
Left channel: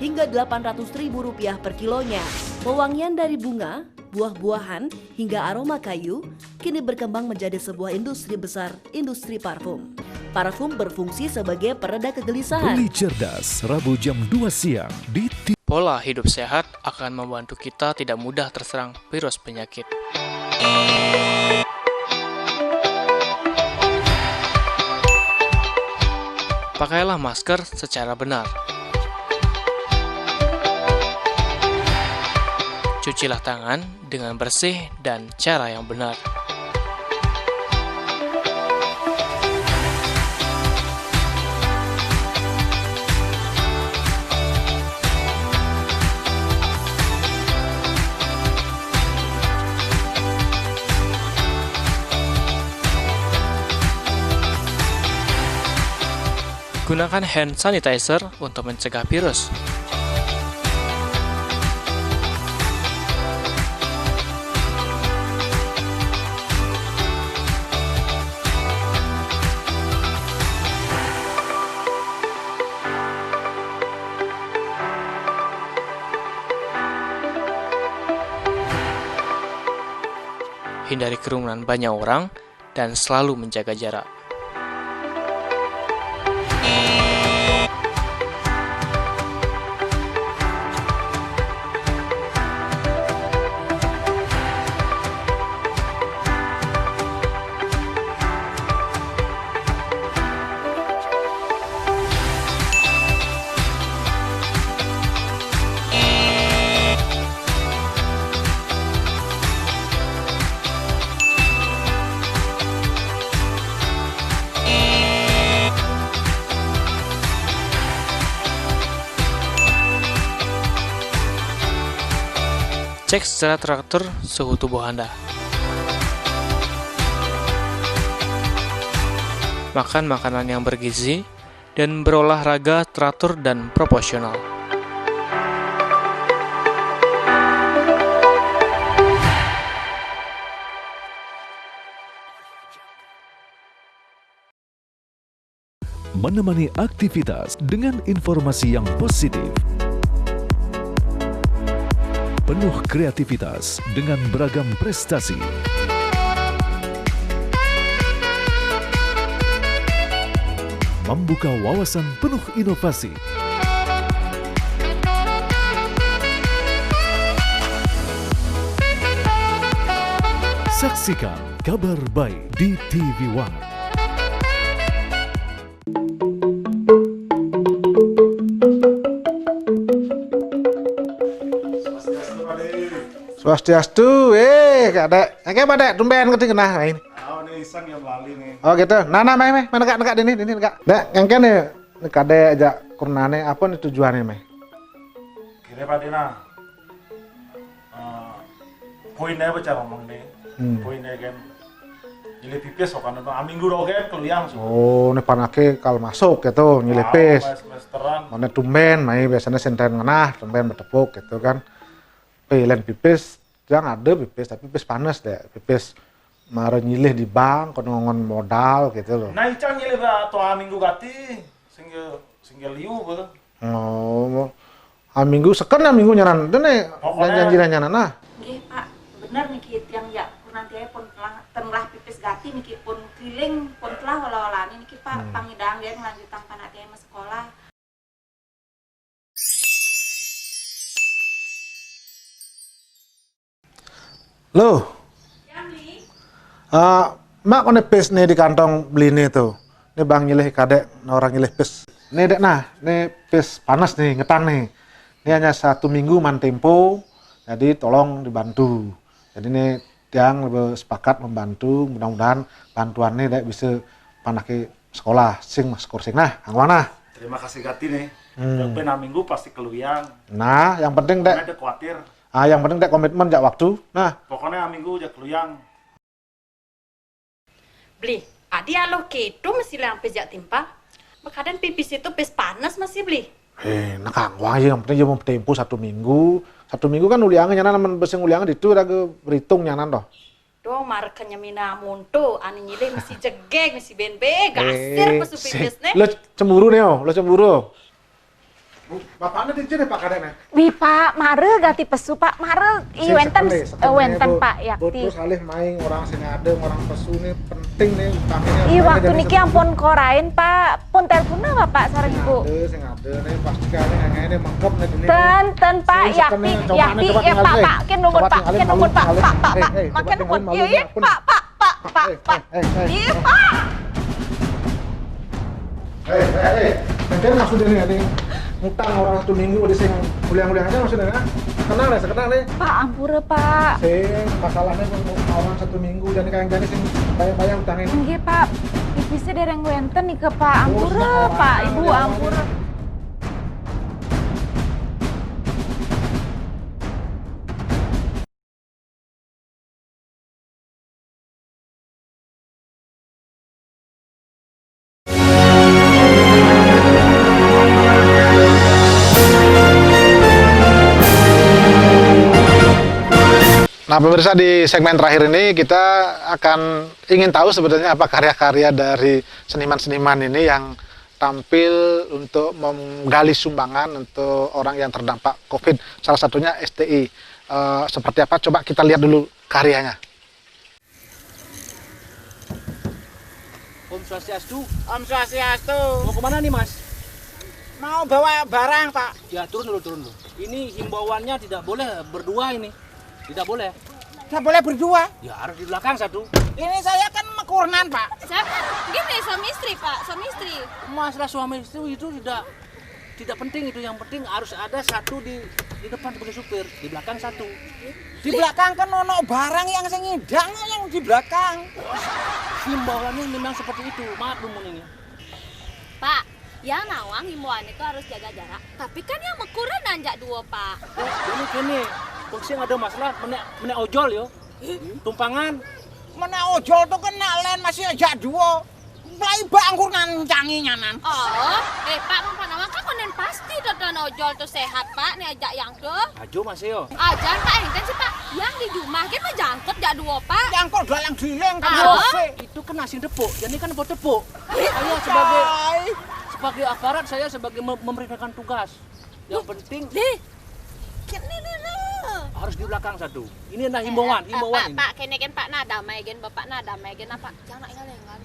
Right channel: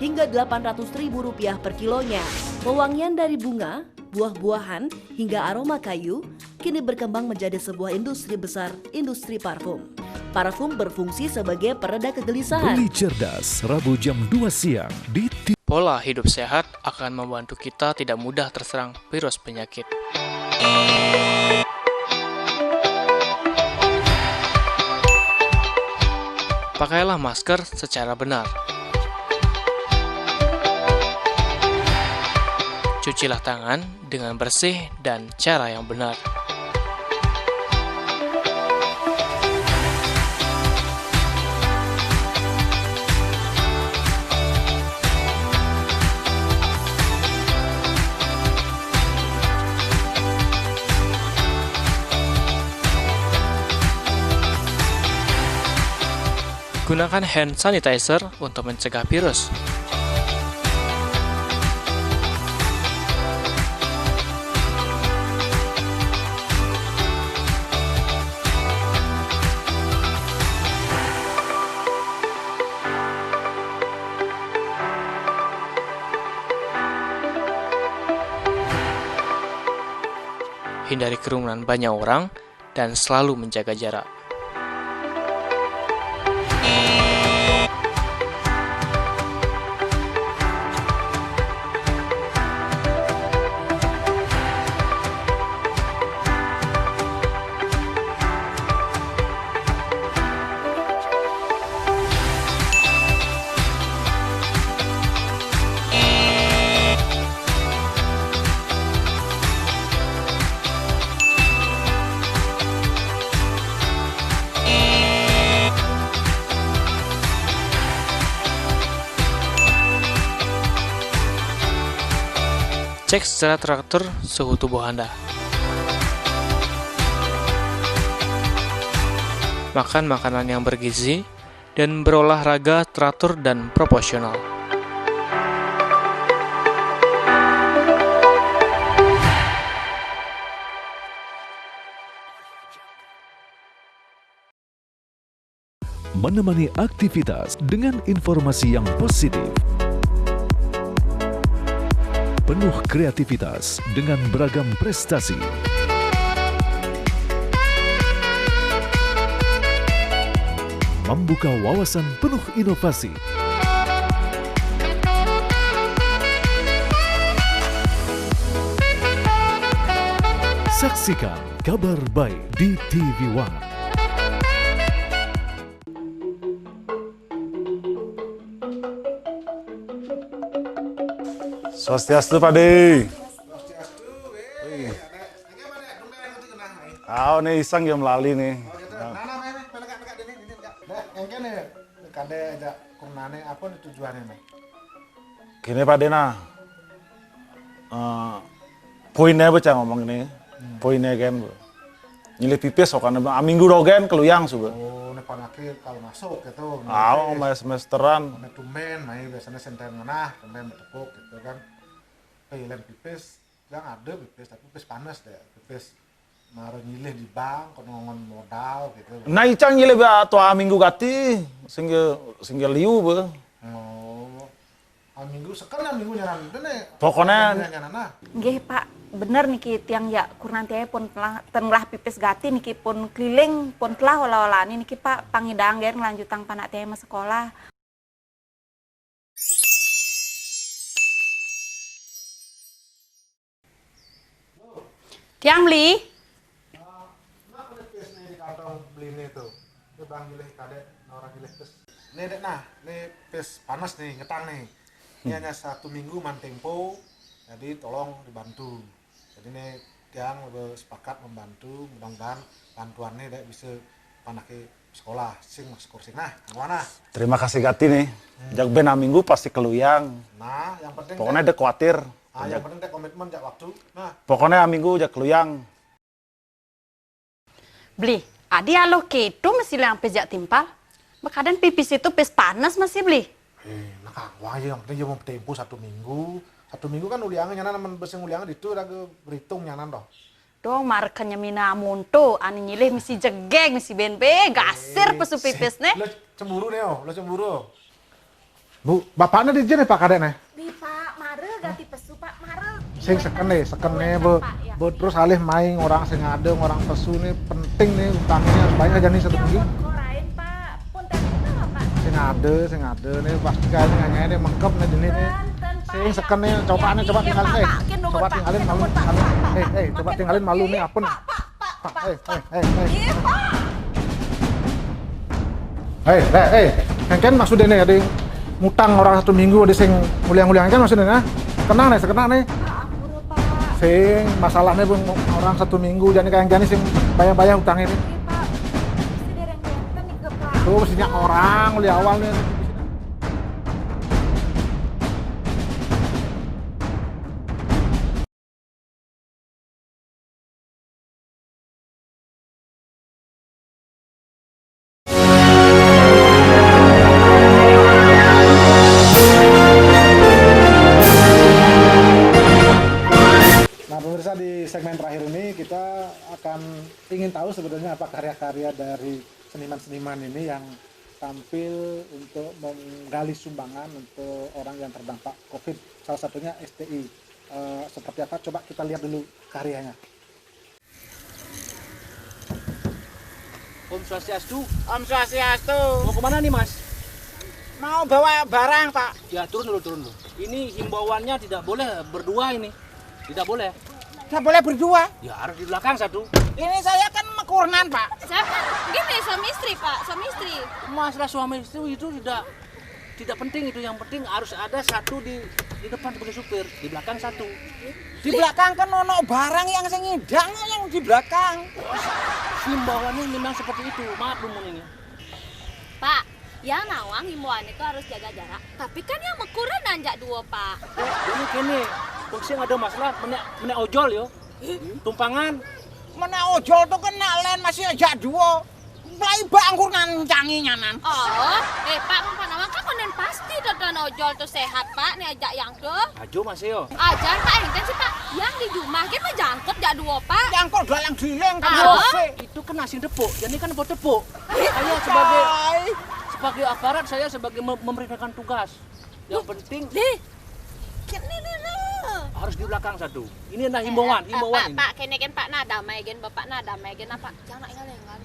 hingga Rp800.000 per kilonya. Pewangian dari bunga, buah-buahan, hingga aroma kayu, kini berkembang menjadi sebuah industri besar, industri parfum. Parfum berfungsi sebagai pereda kegelisahan. Beli cerdas, Rabu jam 2 siang di Pola hidup sehat akan membantu kita tidak mudah terserang virus penyakit. Pakailah masker secara benar. Cucilah tangan dengan bersih dan cara yang benar. Gunakan hand sanitizer untuk mencegah virus. Hindari kerumunan banyak orang dan selalu menjaga jarak. Cek secara teratur suhu tubuh Anda. Makan makanan yang bergizi dan berolahraga teratur dan proporsional. Menemani aktivitas dengan informasi yang positif. Penuh kreativitas dengan beragam prestasi. Membuka wawasan penuh inovasi. Saksikan Kabar Baik di TV One. Swastiastu, Pade. Swastiastu, Kak Dek, Pak tumben keting kena main. Nih iseng yang melalui nih. Oh gitu. Mana nekak ini nekak. Dek, engke nih Kak Dek ajak kurnane apa nih tujuannya, Mai? Gini Pak Dena. Poinnya baca ngomong ini. Poinnya kan. Nyilih pipis kan minggu dogen keluyang suh. Oh, nih panake kal masuk gitu, nyilih pipis. Semesteran. One tumben, Mai biasanya senten ngenah, tumben bertepuk gitu kan. Pilihan pipis, jangan ada pipis, tapi pipis panas deh. Pipis marah nyilih di bank, konongon modal gitu loh. Nah, icang nyilih tua minggu gati, singgah liu be. Oh, minggu sekarang minggu nyaran, dene. Pokoknya janjiran nyaran nah. Nggih Pak, bener niki tiang ya kurang tiang pun telah pipis gati niki pun keliling pun telah olah-olani niki Pak pangidang ger ngelanjutang panak tiang mas sekolah. Loh, Tiang beli? mak kone pes nih di kantong beli nih tuh. Ini bang nyilih kadek, orang nyilih pes. Nih dek nah, nih pes panas nih, ngetang nih. Ini hanya 1 minggu man tempo, jadi tolong dibantu. Jadi nih tiang lebih sepakat membantu, mudah-mudahan bantuan nih dek bisa panaki sekolah, sing mas kursing nah, angwang nah. Terima kasih Gati nih. Yang benar minggu pasti keluyang. Nah, yang penting dek. Pokoknya dek khawatir. Yang penting dek komitmen jak waktu. Nah, pokoknya minggu jak keluyang. Beli, adi alo keto masih lang pejak timpal. Makadang pipis itu pes panas masih beli. Nak angwang yang penting mau tempo 1 minggu. 1 minggu kan uliangan nyanan naman beseng uliangan itu ada ke berhitung nyanan doh. Dong markanya mina munto, ani nyilih mesti jegeng mesti benbe, gasir pesu pipis nih. Lo cemburu nih oh, lo cemburu. Bu, bapaknya di jadi Pak kadek nih. Wi Pak, mare gati pesu Pak, mare wenten Pak ya. Terus alih main orang sing ngadeng, orang pesu nih penting nih utangnya. Iya waktu niki ampun korain Pak, pun telepon Bapak sareng Ibu. Sing ngade nih pasti kali ngene mengkep nih dini. Ten Pak, yakti ya Pak, ken numur Pak, Pak. Makin numur. Iya Pak. Iya Pak. Hei, kan maksudnya nih ada ngutang orang 1 minggu di sing muliang-muliang aja maksudnya nah. Sekenang nih. Pak ampura Pak. Sing masalahnya pun orang 1 minggu dan kayak gini sing bayar utang ini. Nggih Pak. Bisa dereng wenten nih ke Pak. Ampura Pak. Ibu ampura. Nah pemirsa, di segmen terakhir ini kita akan ingin tahu sebenarnya apa karya-karya dari seniman-seniman ini yang tampil untuk menggali sumbangan untuk orang yang terdampak COVID. Salah satunya STI. Seperti apa? Coba kita lihat dulu karyanya. Om Swastiastu. Om Swastiastu. Mau kemana nih Mas? Mau bawa barang Pak. Ya turun dulu. Ini himbauannya tidak boleh berdua ini. Tidak boleh. Tidak boleh berdua? Ya harus di belakang satu. Ini saya kan mekurnan Pak. Saya kan gini suami istri Pak, suami istri. Masalah suami istri itu tidak penting itu. Yang penting harus ada satu di depan sebagai supir, di belakang satu. Di belakang kan ono barang yang ngidang yang di belakang. Himbauannya memang seperti itu. Maaf Lumun ini. Pak, yang nawang himbauan itu harus jaga jarak. Tapi kan yang mekuran nanjak 2 Pak. Ini kene. Fungsi ada masalah menek ojol yo. Tumpangan. Menek ojol tuh kena len masih aja 2. Mulai bangkur nancangi nyanan. Oh, Pak Mampanawang kan konen pasti tonton ojol tuh sehat Pak, nih ajak yang tuh. Ajo masih yo. Ajan Pak, kan sih Pak, yang di rumah kan menjangkut jak 2 Pak. Jangkut dalang giling kan. Itu kan nasi tepuk, jadi kan buat tepuk. Saya sebagai aparat, saya sebagai memberikan tugas. Yang penting harus di belakang satu. Ini adalah himbauan ini. Pak, kene kan Pak nah damai gen Bapak nah damai gen apa? Jangan ingat.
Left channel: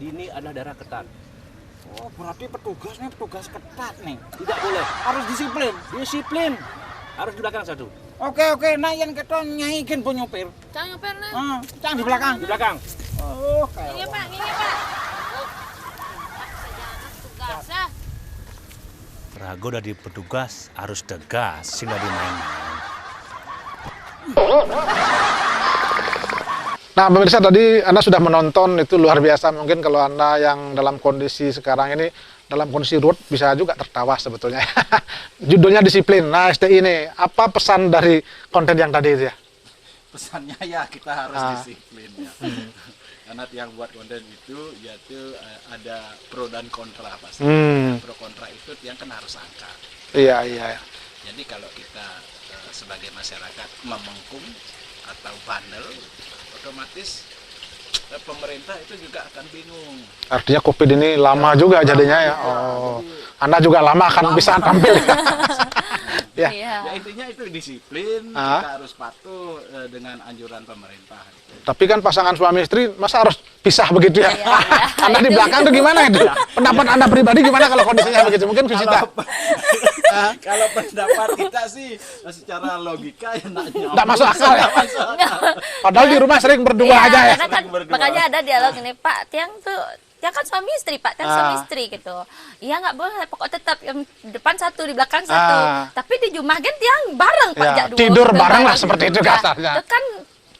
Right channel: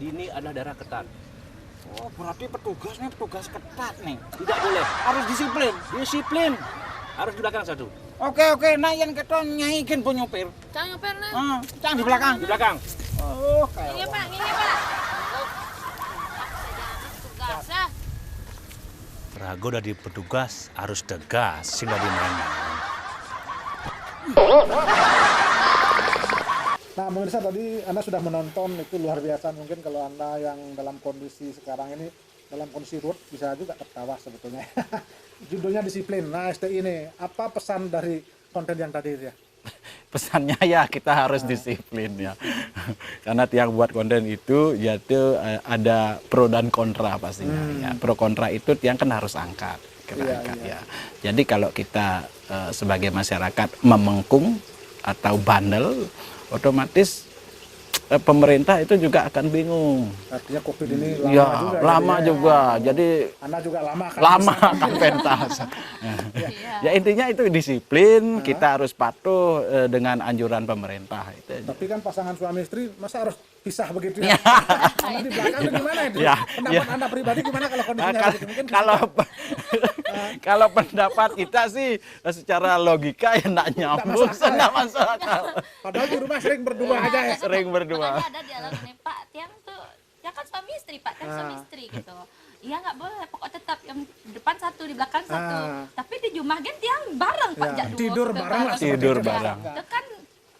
Ini adalah daerah ketat. Oh, berarti petugasnya petugas ketat nih. Tidak boleh. Harus disiplin. Harus di belakang satu. Oke, nah yang kita nyai gen pun nyopir. Jangan nyopir nah. Jangan di belakang. Di belakang. Oh, Ini Pak. Pak saja tugas ya. Rago dari petugas harus tegas, sehingga dimain-main. Nah pemirsa, tadi Anda sudah menonton, itu luar biasa. Mungkin kalau Anda yang dalam kondisi sekarang ini, dalam kondisi road, bisa juga tertawa sebetulnya. Judulnya disiplin. Nah STI ini, apa pesan dari konten yang tadi itu ya? Pesannya ya kita harus disiplin ya. Karena tiang buat konten itu yaitu ada pro dan kontra pasti. Ya, pro kontra itu tiang kan harus angkat. Iya. Jadi kalau kita sebagai masyarakat memengkung atau bandel, otomatis pemerintah itu juga akan bingung. Artinya COVID ini lama juga jadinya. Lama juga. Jadi Anda juga lama akan bisa tampil ya. Ya. Ya intinya itu disiplin, Ah. kita harus patuh dengan anjuran pemerintah. Tapi kan pasangan suami istri masa harus pisah begitu ya? Anda di belakang tuh gimana itu? Pendapat Anda pribadi gimana kalau kondisinya begitu? Mungkin Visita. Kalau pendapat kita sih secara logika ya nggak nyambung. Nggak masuk akal ya? Padahal di rumah sering berdua Iya, aja ya? karena kan, makanya ada dialog ini, Pak, Tiang tuh ya kan suami istri, Pak, Tiang suami istri gitu. Iya nggak boleh, pokok tetap yang depan satu, di belakang satu. Tapi di Jumat kan Tiang bareng, Pak, Ya, jadwal. tidur bareng lah seperti itu kasarnya. Itu kan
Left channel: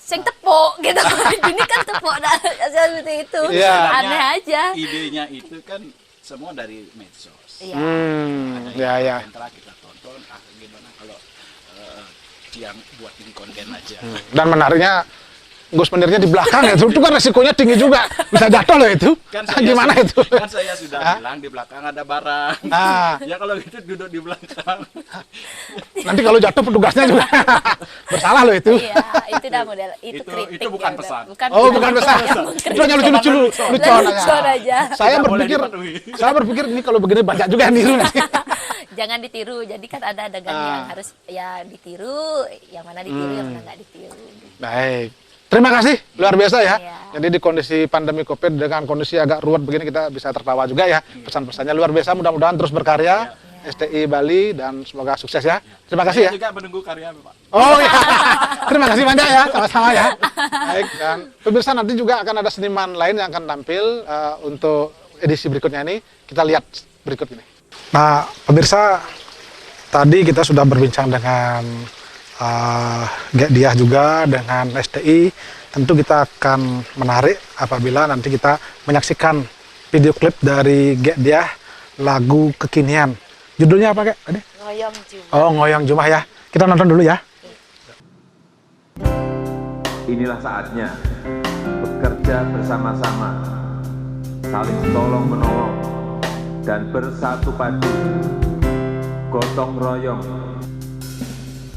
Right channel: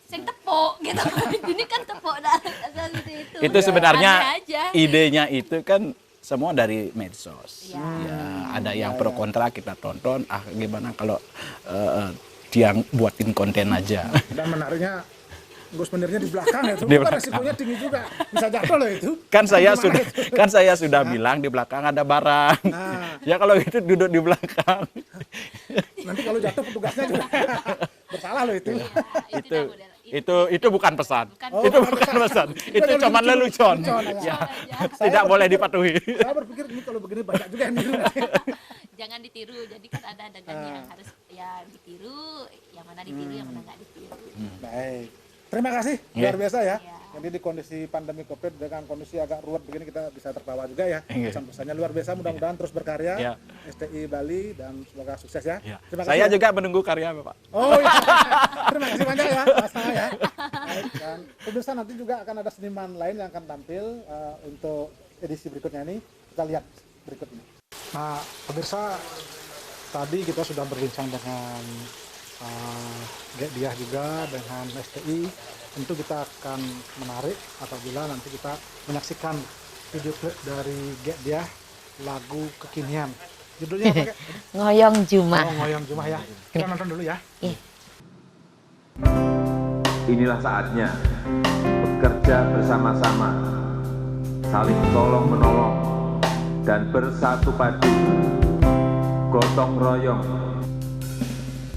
sing tepuk gitu. Ini kan tepuk dah seperti itu. Itu sebenarnya Aneh aja. idenya itu kan semua dari medsos. Ada yang pro ya. kontra, kita tonton. Gimana kalau Tiang buatin konten aja. Dan menariknya, Gus mendirnya di belakang ya, itu kan resikonya tinggi juga, bisa jatuh loh itu. Kan saya sudah bilang di belakang ada barang. Ya kalau itu duduk di belakang. Nanti kalau jatuh petugasnya juga bersalah loh itu. Iya, itu dah model. Itu bukan pesan. Oh, bukan pesan. Itu hanya lucu-lucu aja. Saya berpikir ini kalau begini banyak juga yang niru nanti. Jangan ditiru. Jadi kan ada adegan yang harus ya ditiru, yang mana ditiru, yang mana nggak ditiru. Baik. Terima kasih, luar biasa ya. Jadi di kondisi pandemi COVID dengan kondisi agak ruwet begini kita bisa tertawa juga ya. Pesan-pesannya luar biasa, mudah-mudahan terus berkarya. STI Bali dan semoga sukses ya. Terima kasih Saya ya. juga menunggu karya Bapak. Oh ya, terima kasih banyak ya, sama-sama ya. Baik, dan pemirsa nanti juga akan ada seniman lain yang akan tampil untuk edisi berikutnya ini. Kita lihat berikut ini. Nah, pemirsa, tadi kita sudah berbincang dengan Diah juga dengan STI. Tentu kita akan menarik apabila nanti kita menyaksikan video klip dari Diah lagu kekinian. Judulnya apa, Kak? Ngoyong Jumah. Oh, Ngoyong Jumah ya. Kita nonton dulu ya. Inilah saatnya bekerja bersama-sama, saling tolong-menolong, dan bersatu padu, gotong royong.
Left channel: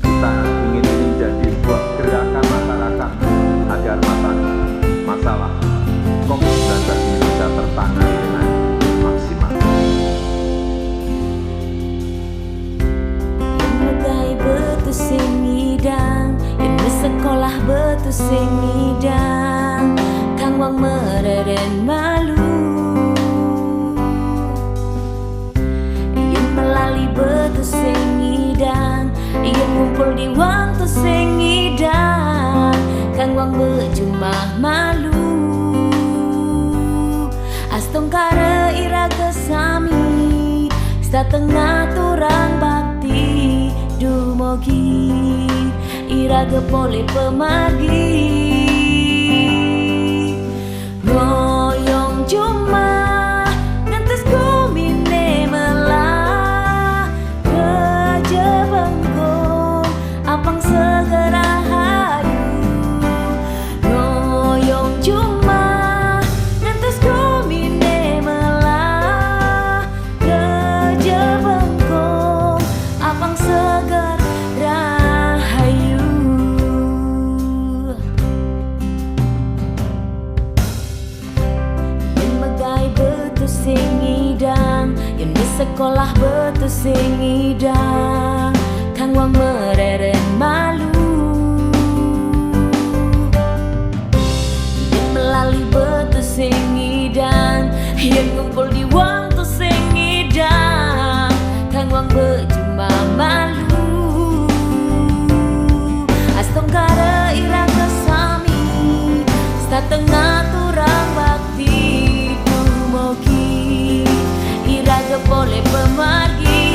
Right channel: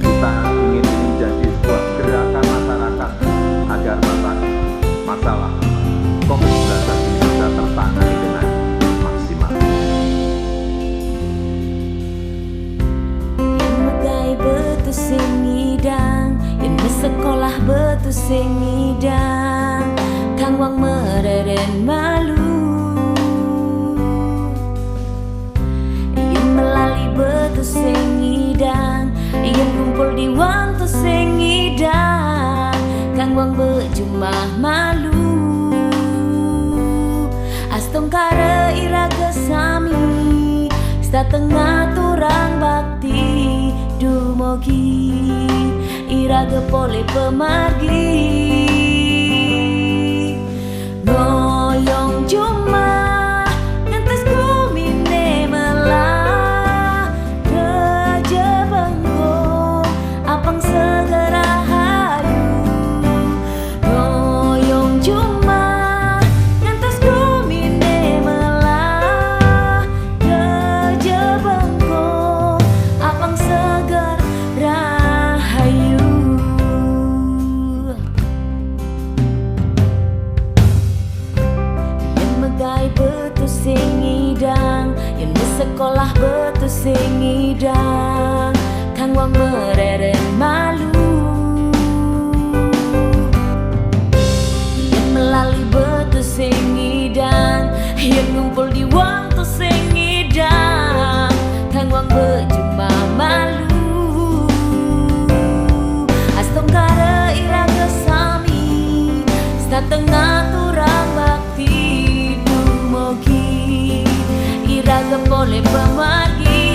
Kita ingin ini menjadi sebuah gerakan masyarakat agar masalah COVID-19 ini bisa tertangani dengan maksimal. Betu sing ngidang, yen sekolah betu sing ngidang, kang wang mereren malu. Yen melali betu sing ngidang, yen ngumpul di wang tu sing ngidang, kang wang bejumah malu. Astong kare iraga sami, setengah turang bakti. Dumogi iraga pole pemargi, ngoyong Jumah ngantes kumine melah, reje bengkong apang segera hayu. Ngoyong Jumah ngantes kumine melah, reje bengkong apang segar rahayu. Yen megai betu sing ngidang, yen sekolah betu sing ngidang, kang wang mereren malu. Yen melali betu sing ngidang, yen ngumpul di wang tu sing ngidang, kang wang bejumah malu. Astong kare iraga sami, setengah turang bakti. Dumogi iraga pole pemargi,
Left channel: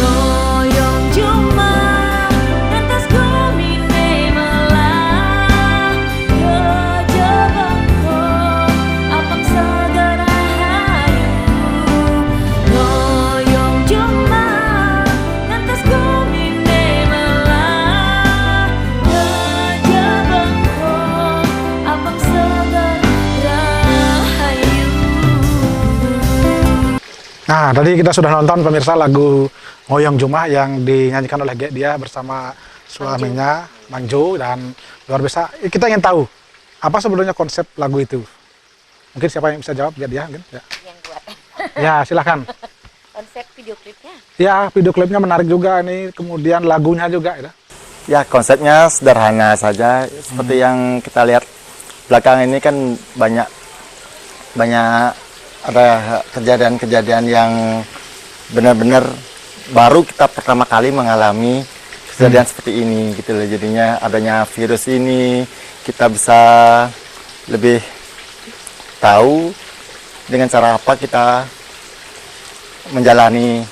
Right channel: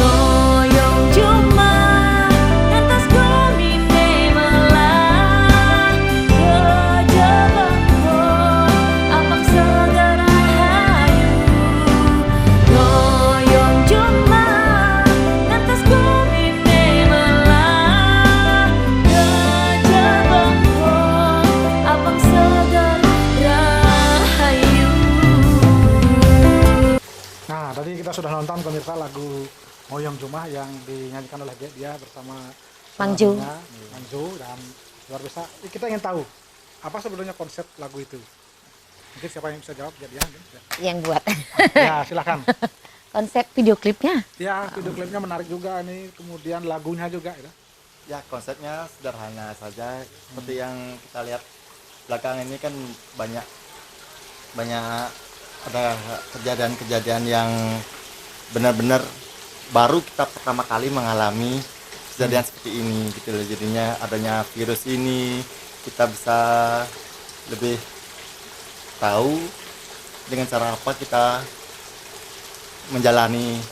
ngoyong Jumah ngantos kumine melah, reje bengkong apang segera hayu. Ngoyong Jumah ngantos kumine melah, reje bengkong apang segar rahayu. Nah, tadi kita sudah nonton pemirsa lagu Ngoyong Jumah yang dinyanyikan oleh Diah bersama suaminya Manjo, dan luar biasa. Kita ingin tahu apa sebenarnya konsep lagu itu. Mungkin siapa yang bisa jawab? Diah mungkin? Ya. Yang buat. Ya, silakan. konsep video klipnya. Ya, video klipnya menarik juga nih, kemudian lagunya juga ya. Ya, konsepnya sederhana saja. Seperti yang kita lihat belakang ini kan banyak ada kejadian-kejadian yang benar-benar baru kita pertama kali mengalami kejadian seperti ini gitu loh. Jadinya adanya virus ini kita bisa lebih tahu dengan cara apa kita menjalani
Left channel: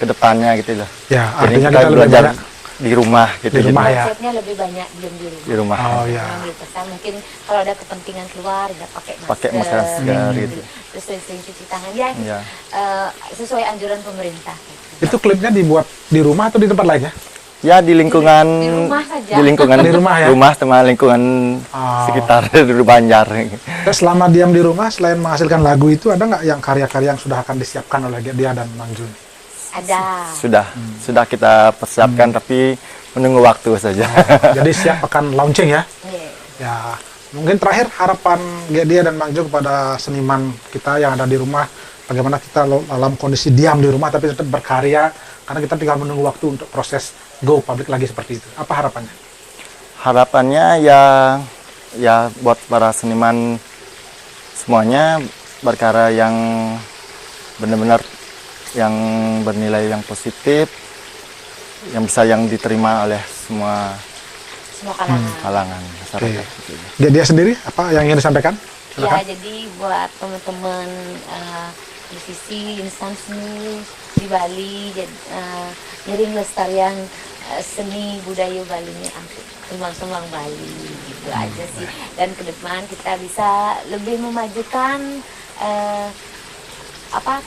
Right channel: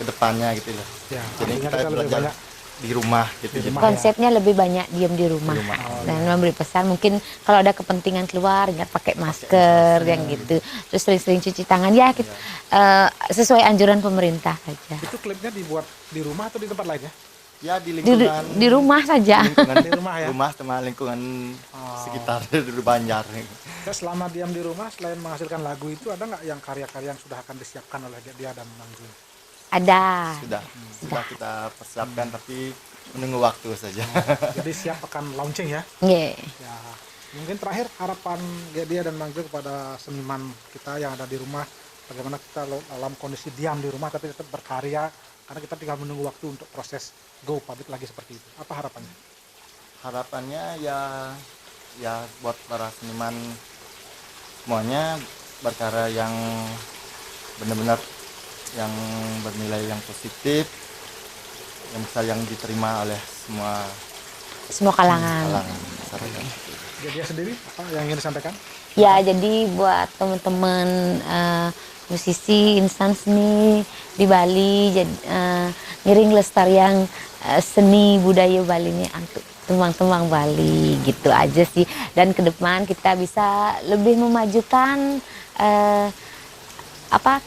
ke depannya gitu loh. Ya, jadi artinya kita kita lebih belajar banyak di rumah gitu. di rumah, ya. Konsepnya lebih banyak diam di rumah. Di rumah. Oh, Dan iya. memberi pesan mungkin kalau ada kepentingan keluar nggak pakai masker, dan gitu. Terus sering-sering cuci tangan ya, kita, sesuai anjuran pemerintah. Gitu. Itu klipnya dibuat di rumah atau di tempat lain ya? Ya di lingkungan di rumah saja. Di lingkungan di rumah ya. Rumah sama lingkungan sekitar Banjar. Terus selama diam di rumah selain menghasilkan lagu itu ada nggak yang karya-karya yang sudah akan disiapkan oleh dia dan Mang Jun? Ada. Sudah kita persiapkan tapi menunggu waktu saja. Jadi siap akan launching ya? Yeah. Ya, mungkin terakhir harapan dia dan Mang Jun kepada seniman kita yang ada di rumah, bagaimana kita dalam kondisi diam di rumah tapi tetap berkarya karena kita tinggal menunggu waktu untuk proses go public lagi seperti itu. Apa harapannya? Harapannya ya buat para seniman semuanya berkarya yang benar-benar yang bernilai yang positif, yang bisa yang diterima oleh semua kalangan masyarakat. Dia sendiri apa yang ingin disampaikan? Ya, jadi buat teman-teman musisi insan seni di Bali, ngiring lestarian seni budaya Bali ini untuk Sumang-Sumang Bali gitu aja sih. Dan ke depan kita bisa lebih memajukan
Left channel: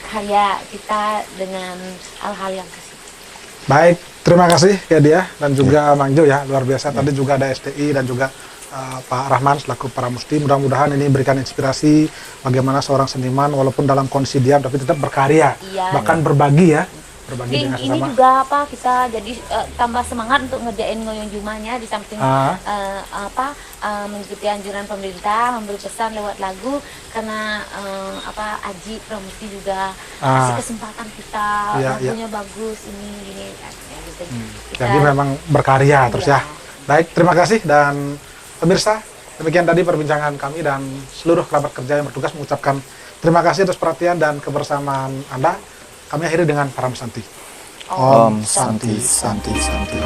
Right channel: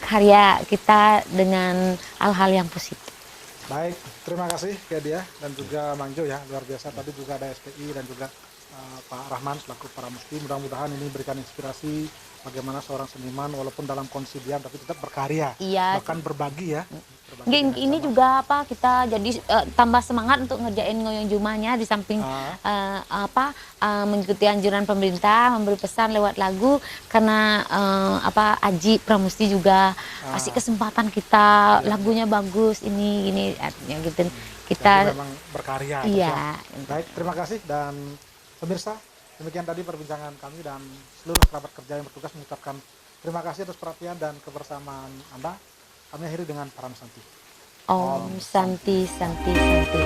karya kita dengan hal-hal yang positif. Baik, terima kasih ya dia dan juga Mang Jo ya, luar biasa. Tadi juga ada STI dan juga Pak Rahman selaku Pramusti. Mudah-mudahan ini berikan inspirasi bagaimana seorang seniman walaupun dalam kondisi diam tapi tetap berkarya, bahkan berbagi ya. Ini juga kita jadi tambah semangat untuk ngerjain ngoyong jumahnya di samping mengikuti anjuran pemerintah, memberi pesan lewat lagu karena Aji Pramusti juga kasih kesempatan kita, lagunya bagus ini ya gitu. Kita jadi memang berkarya terus ya. Baik, terima kasih dan pemirsa, demikian tadi perbincangan kami dan seluruh kerabat kerja yang bertugas mengucapkan terima kasih atas perhatian dan kebersamaan Anda. Kami akhiri dengan Param Santi. Om Santi Santi Santi.